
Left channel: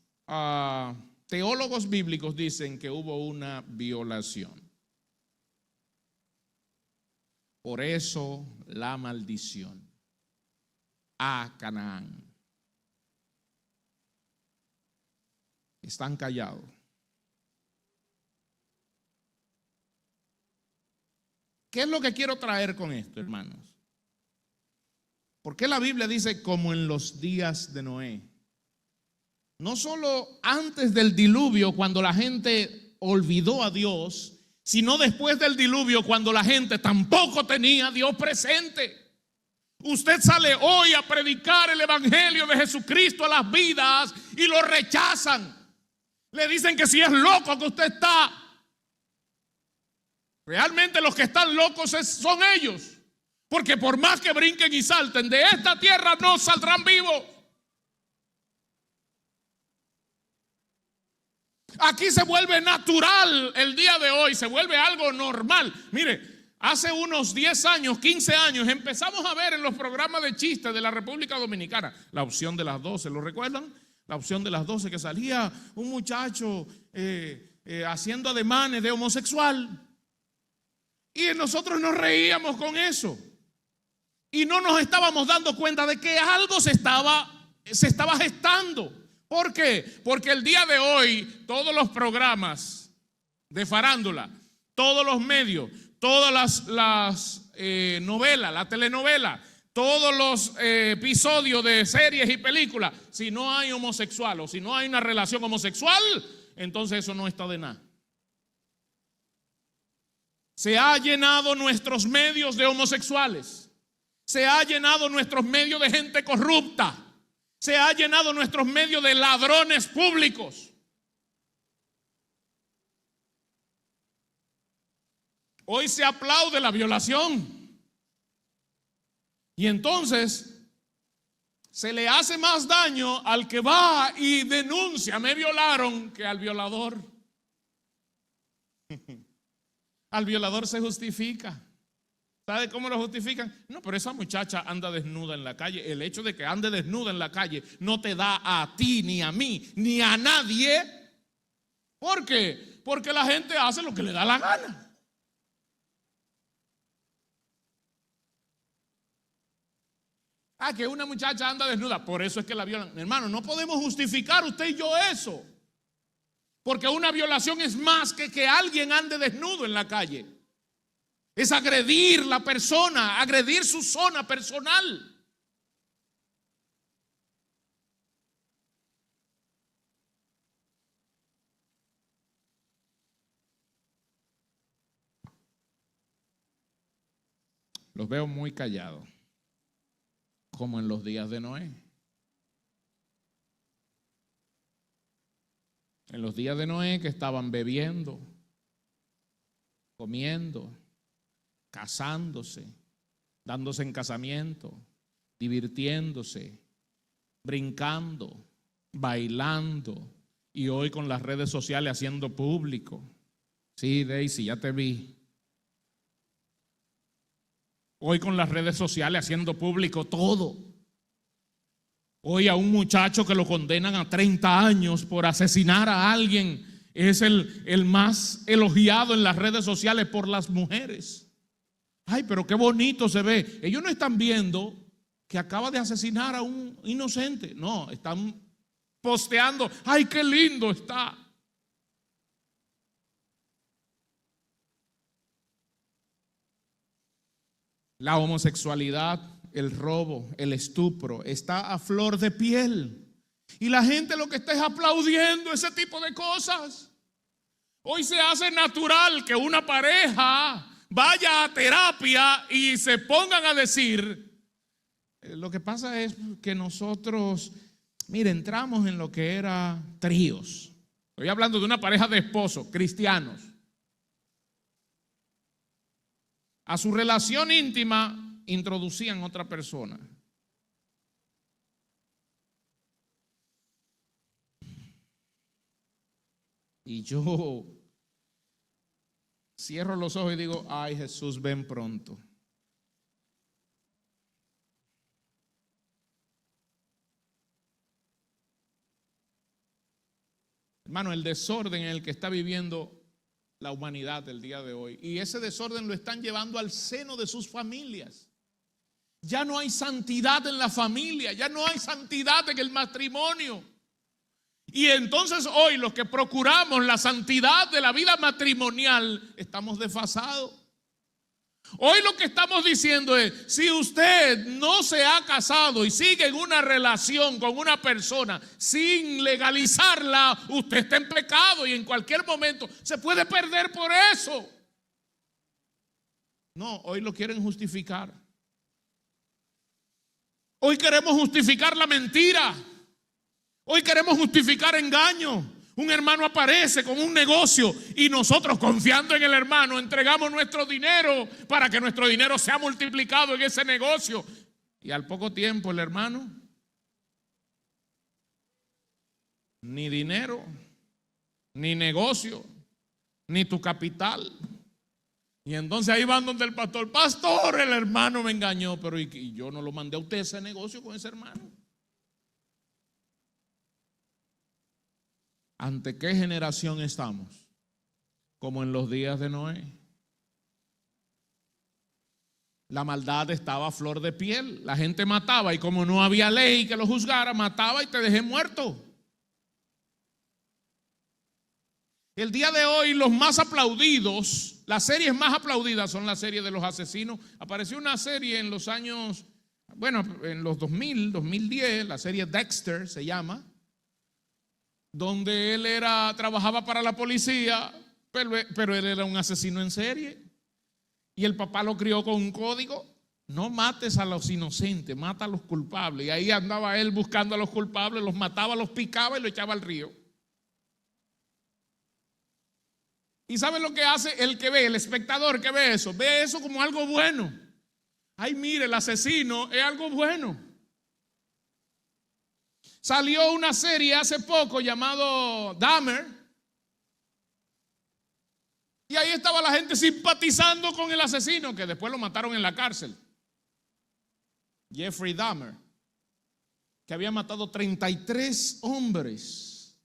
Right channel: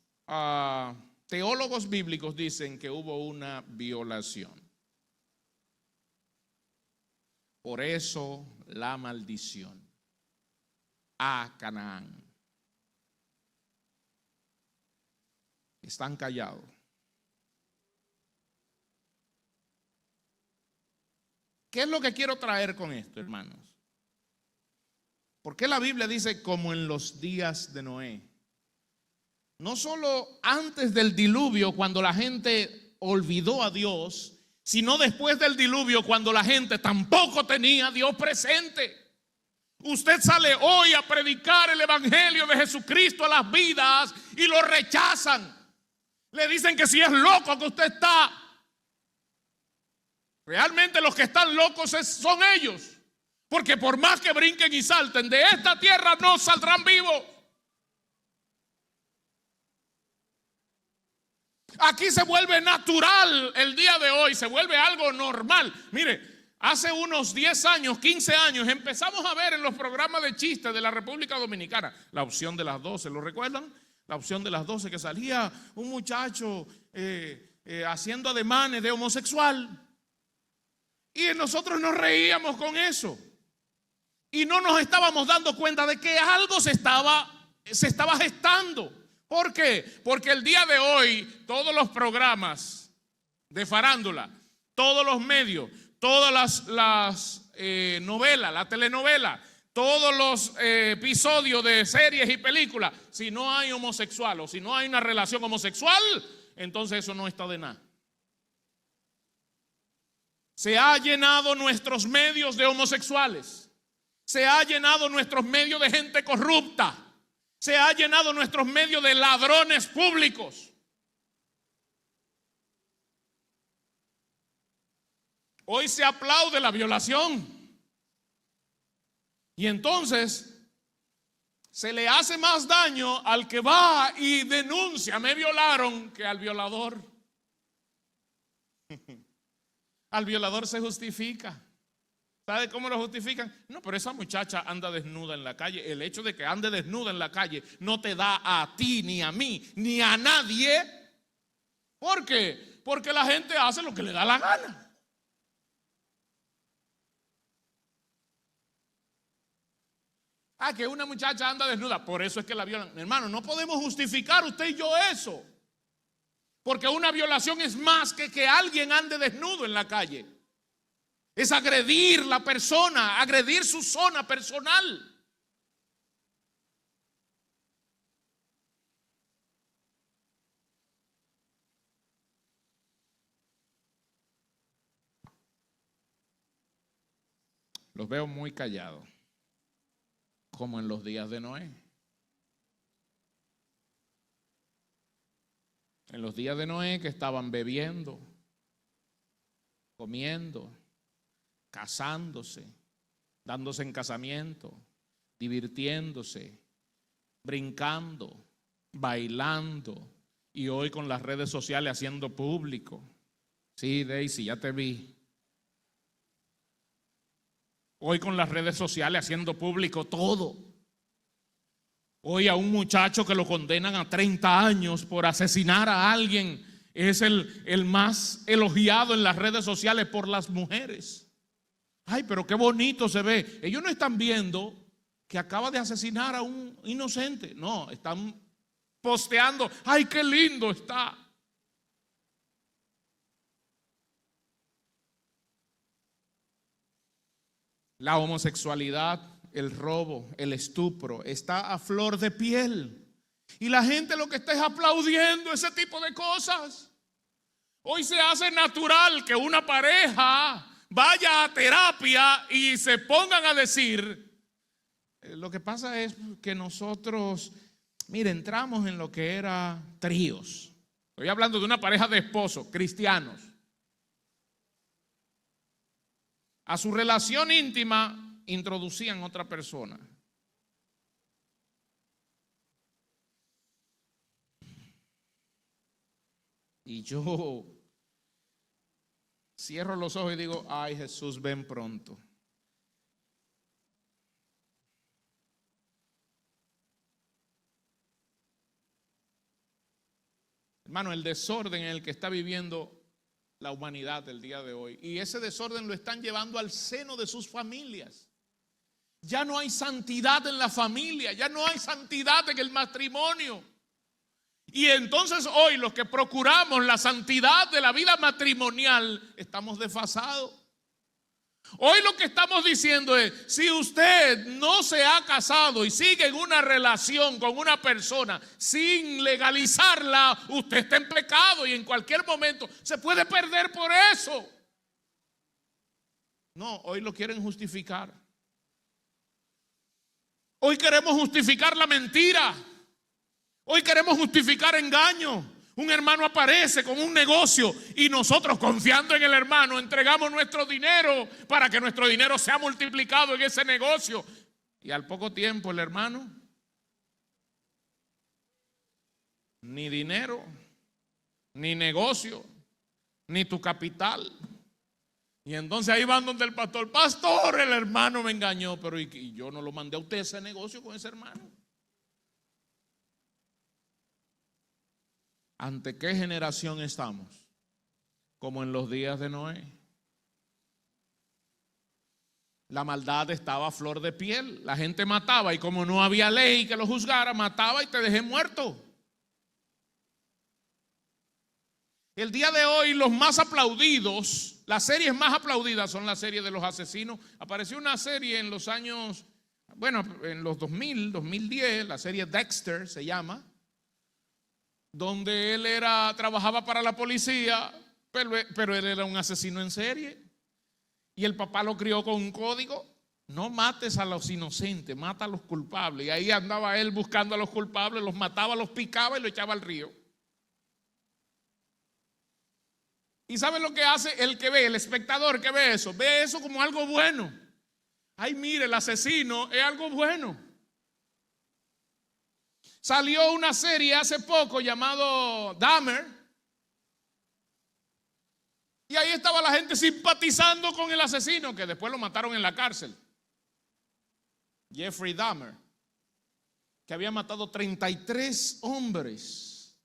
teólogos bíblicos dicen que hubo una violación. Por eso la maldición a Canaán. Están callados. ¿Qué es lo que quiero traer con esto, hermanos? ¿Por qué la Biblia dice como en los días de Noé? No solo antes del diluvio, cuando la gente olvidó a Dios, sino después del diluvio, cuando la gente tampoco tenía a Dios presente. Usted sale hoy a predicar el evangelio de Jesucristo a las vidas y lo rechazan. Le dicen que si es loco que usted está. Realmente los que están locos son ellos. Porque por más que brinquen y salten, de esta tierra no saldrán vivos. Aquí se vuelve natural el día de hoy, se vuelve algo normal. Mire, hace unos 10 años, 15 años, empezamos a ver en los programas de chistes de la República Dominicana, la opción de las 12, ¿lo recuerdan? La opción de las 12, que salía un muchacho haciendo ademanes de homosexual. Y nosotros nos reíamos con eso. Y no nos estábamos dando cuenta de que algo se estaba gestando. ¿Por qué? Porque el día de hoy todos los programas de farándula, todos los medios, todas las novelas, la telenovela, todos los episodios de series y películas, si no hay homosexual o si no hay una relación homosexual, entonces eso no está de nada. Se ha llenado nuestros medios de homosexuales, se ha llenado nuestros medios de gente corrupta, se ha llenado nuestros medios de ladrones públicos. Hoy se aplaude la violación. Y entonces se le hace más daño al que va y denuncia, me violaron, que al violador. Al violador se justifica. ¿Sabe cómo lo justifican? No, pero esa muchacha anda desnuda en la calle. El hecho de que ande desnuda en la calle no te da a ti, ni a mí, ni a nadie. ¿Por qué? Porque la gente hace lo que le da la gana. Que una muchacha anda desnuda, por eso es que la violan. Hermano, no podemos justificar usted y yo eso. Porque una violación es más que alguien ande desnudo en la calle. Es agredir la persona, agredir su zona personal. Los veo muy callados, como en los días de Noé. En los días de Noé, que estaban bebiendo, comiendo, casándose, dándose en casamiento, divirtiéndose, brincando, bailando, y hoy con las redes sociales haciendo público. Sí, Daisy, ya te vi. Hoy con las redes sociales haciendo público todo. Hoy a un muchacho que lo condenan a 30 años por asesinar a alguien es el más elogiado en las redes sociales por las mujeres. Ay, pero qué bonito se ve. Ellos no están viendo que acaba de asesinar a un inocente. No, están posteando. Ay, qué lindo está. La homosexualidad, el robo, el estupro está a flor de piel. Y la gente lo que está es aplaudiendo ese tipo de cosas. Hoy se hace natural que una pareja vaya a terapia y se pongan a decir. Lo que pasa es que nosotros, mire, entramos en lo que era tríos. Estoy hablando de una pareja de esposos cristianos. A su relación íntima introducían otra persona. Y yo cierro los ojos y digo, ay Jesús, ven pronto. Hermano, el desorden en el que está viviendo la humanidad del día de hoy, y ese desorden lo están llevando al seno de sus familias. Ya no hay santidad en la familia, ya no hay santidad en el matrimonio. Y entonces hoy los que procuramos la santidad de la vida matrimonial estamos desfasados. Hoy lo que estamos diciendo es, si usted no se ha casado y sigue en una relación con una persona sin legalizarla, usted está en pecado y en cualquier momento se puede perder por eso. No, hoy lo quieren justificar. Hoy queremos justificar la mentira. Hoy queremos justificar engaño. Un hermano aparece con un negocio y nosotros, confiando en el hermano, entregamos nuestro dinero para que nuestro dinero sea multiplicado en ese negocio. Y al poco tiempo el hermano, ni dinero, ni negocio, ni tu capital. Y entonces ahí van donde el pastor, pastor, el hermano me engañó, pero y yo no lo mandé a usted ese negocio con ese hermano. ¿Ante qué generación estamos? Como en los días de Noé. La maldad estaba a flor de piel. La gente mataba y como no había ley que lo juzgara, mataba y te dejé muerto. El día de hoy los más aplaudidos, las series más aplaudidas son las series de los asesinos. Apareció una serie en los años, bueno, en los 2000, 2010, la serie Dexter se llama, donde él trabajaba para la policía, pero él era un asesino en serie. Y el papá lo crió con un código: no mates a los inocentes, mata a los culpables. Y ahí andaba él buscando a los culpables, los mataba, los picaba y lo echaba al río. ¿Y sabe lo que hace el que ve, el espectador que ve eso? Ve eso como algo bueno. Ay, mire, el asesino es algo bueno. Salió una serie hace poco llamado Dahmer. Y ahí estaba la gente simpatizando con el asesino, que después lo mataron en la cárcel. Jeffrey Dahmer, que había matado 33 hombres,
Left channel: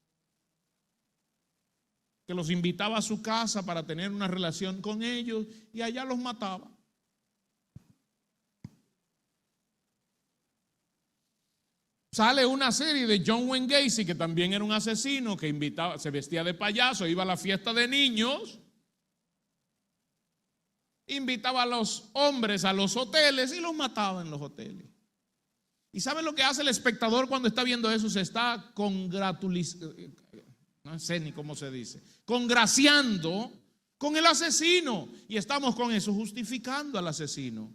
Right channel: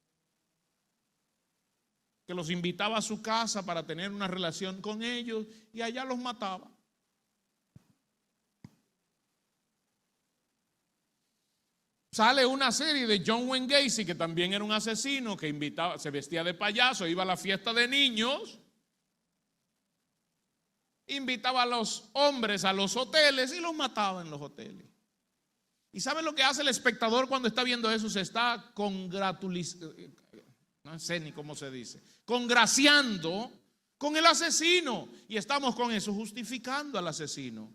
que los invitaba a su casa para tener una relación con ellos y allá los mataba. Sale una serie de John Wayne Gacy, que también era un asesino, que invitaba, se vestía de payaso, iba a la fiesta de niños, invitaba a los hombres a los hoteles y los mataba en los hoteles. ¿Y sabe lo que hace el espectador cuando está viendo eso? Se está no sé ni cómo se dice, congraciando con el asesino. Y estamos con eso, justificando al asesino.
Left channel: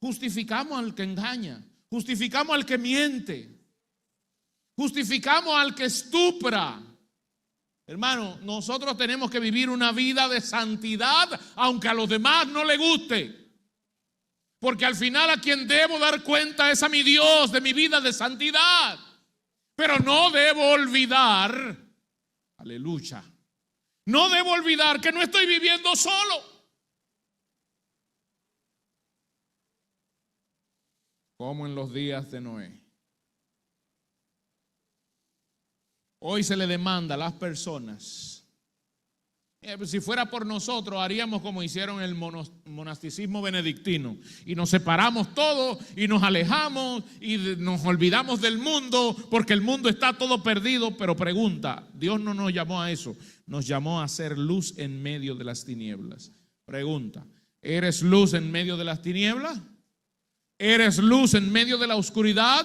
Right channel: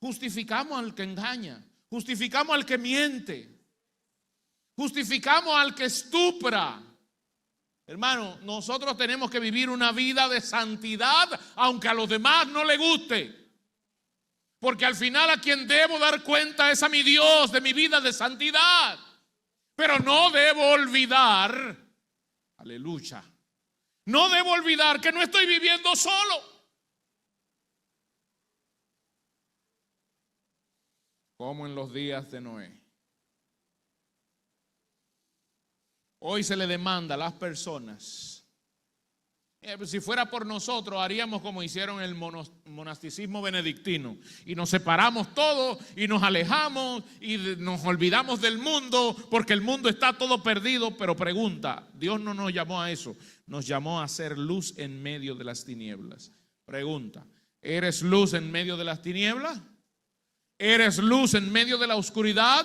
Justificamos al que engaña, justificamos al que miente, justificamos al que estupra. Hermano, nosotros tenemos que vivir una vida de santidad, aunque a los demás no le guste. Porque al final a quien debo dar cuenta es a mi Dios de mi vida de santidad. Pero no debo olvidar, aleluya, no debo olvidar que no estoy viviendo solo. Como en los días de Noé. Hoy se le demanda a las personas. Si fuera por nosotros, haríamos como hicieron el monasticismo benedictino. Y nos separamos todos y nos alejamos y nos olvidamos del mundo porque el mundo está todo perdido. Pero pregunta, Dios no nos llamó a eso. Nos llamó a ser luz en medio de las tinieblas. Pregunta, ¿eres luz en medio de las tinieblas? ¿Eres luz en medio de la oscuridad?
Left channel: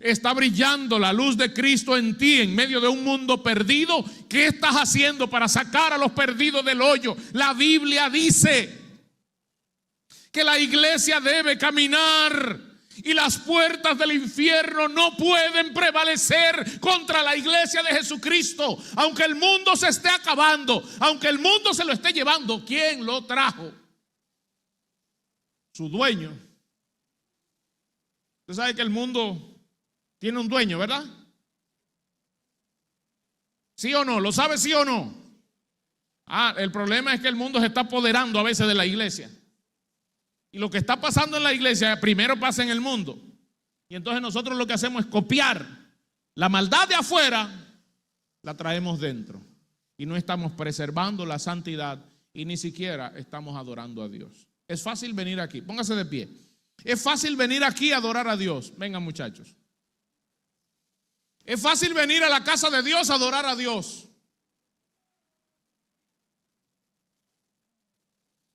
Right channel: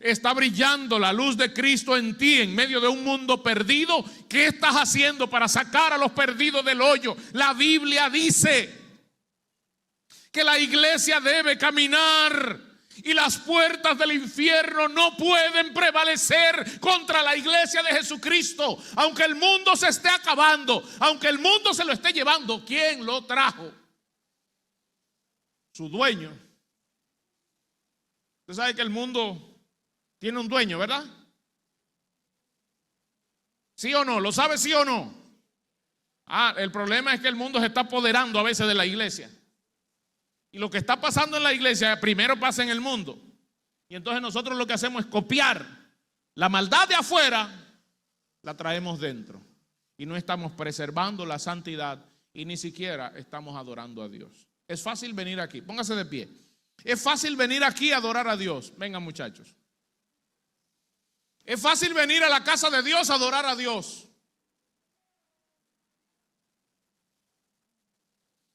¿Está brillando la luz de Cristo en ti en medio de un mundo perdido? ¿Qué estás haciendo para sacar a los perdidos del hoyo? La Biblia dice que la iglesia debe caminar y las puertas del infierno no pueden prevalecer contra la iglesia de Jesucristo. Aunque el mundo se esté acabando, aunque el mundo se lo esté llevando, ¿quién lo trajo? Su dueño. Usted sabe que el mundo tiene un dueño, ¿verdad? ¿Sí o no? ¿Lo sabe sí o no? El problema es que el mundo se está apoderando a veces de la iglesia. Y lo que está pasando en la iglesia primero pasa en el mundo. Y entonces nosotros lo que hacemos es copiar la maldad de afuera, la traemos dentro. Y no estamos preservando la santidad y ni siquiera estamos adorando a Dios. Es fácil venir aquí, póngase de pie. Es fácil venir aquí a adorar a Dios. Vengan, muchachos. Es fácil venir a la casa de Dios a adorar a Dios.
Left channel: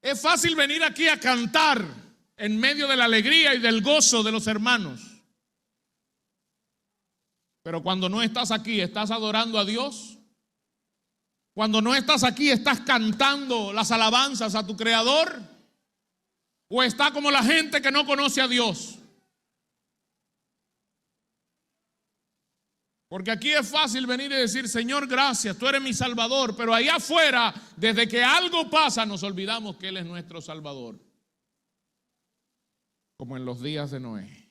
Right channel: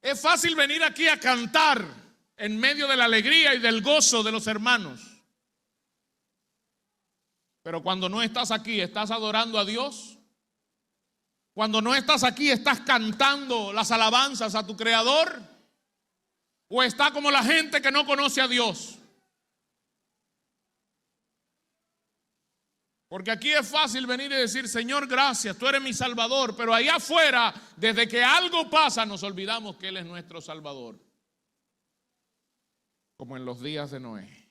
Es fácil venir aquí a cantar en medio de la alegría y del gozo de los hermanos. Pero cuando no estás aquí, ¿estás adorando a Dios? Cuando no estás aquí, ¿estás cantando las alabanzas a tu Creador? ¿O está como la gente que no conoce a Dios? Porque aquí es fácil venir y decir, Señor, gracias, tú eres mi Salvador. Pero allá afuera, desde que algo pasa, nos olvidamos que Él es nuestro Salvador. Como en los días de Noé.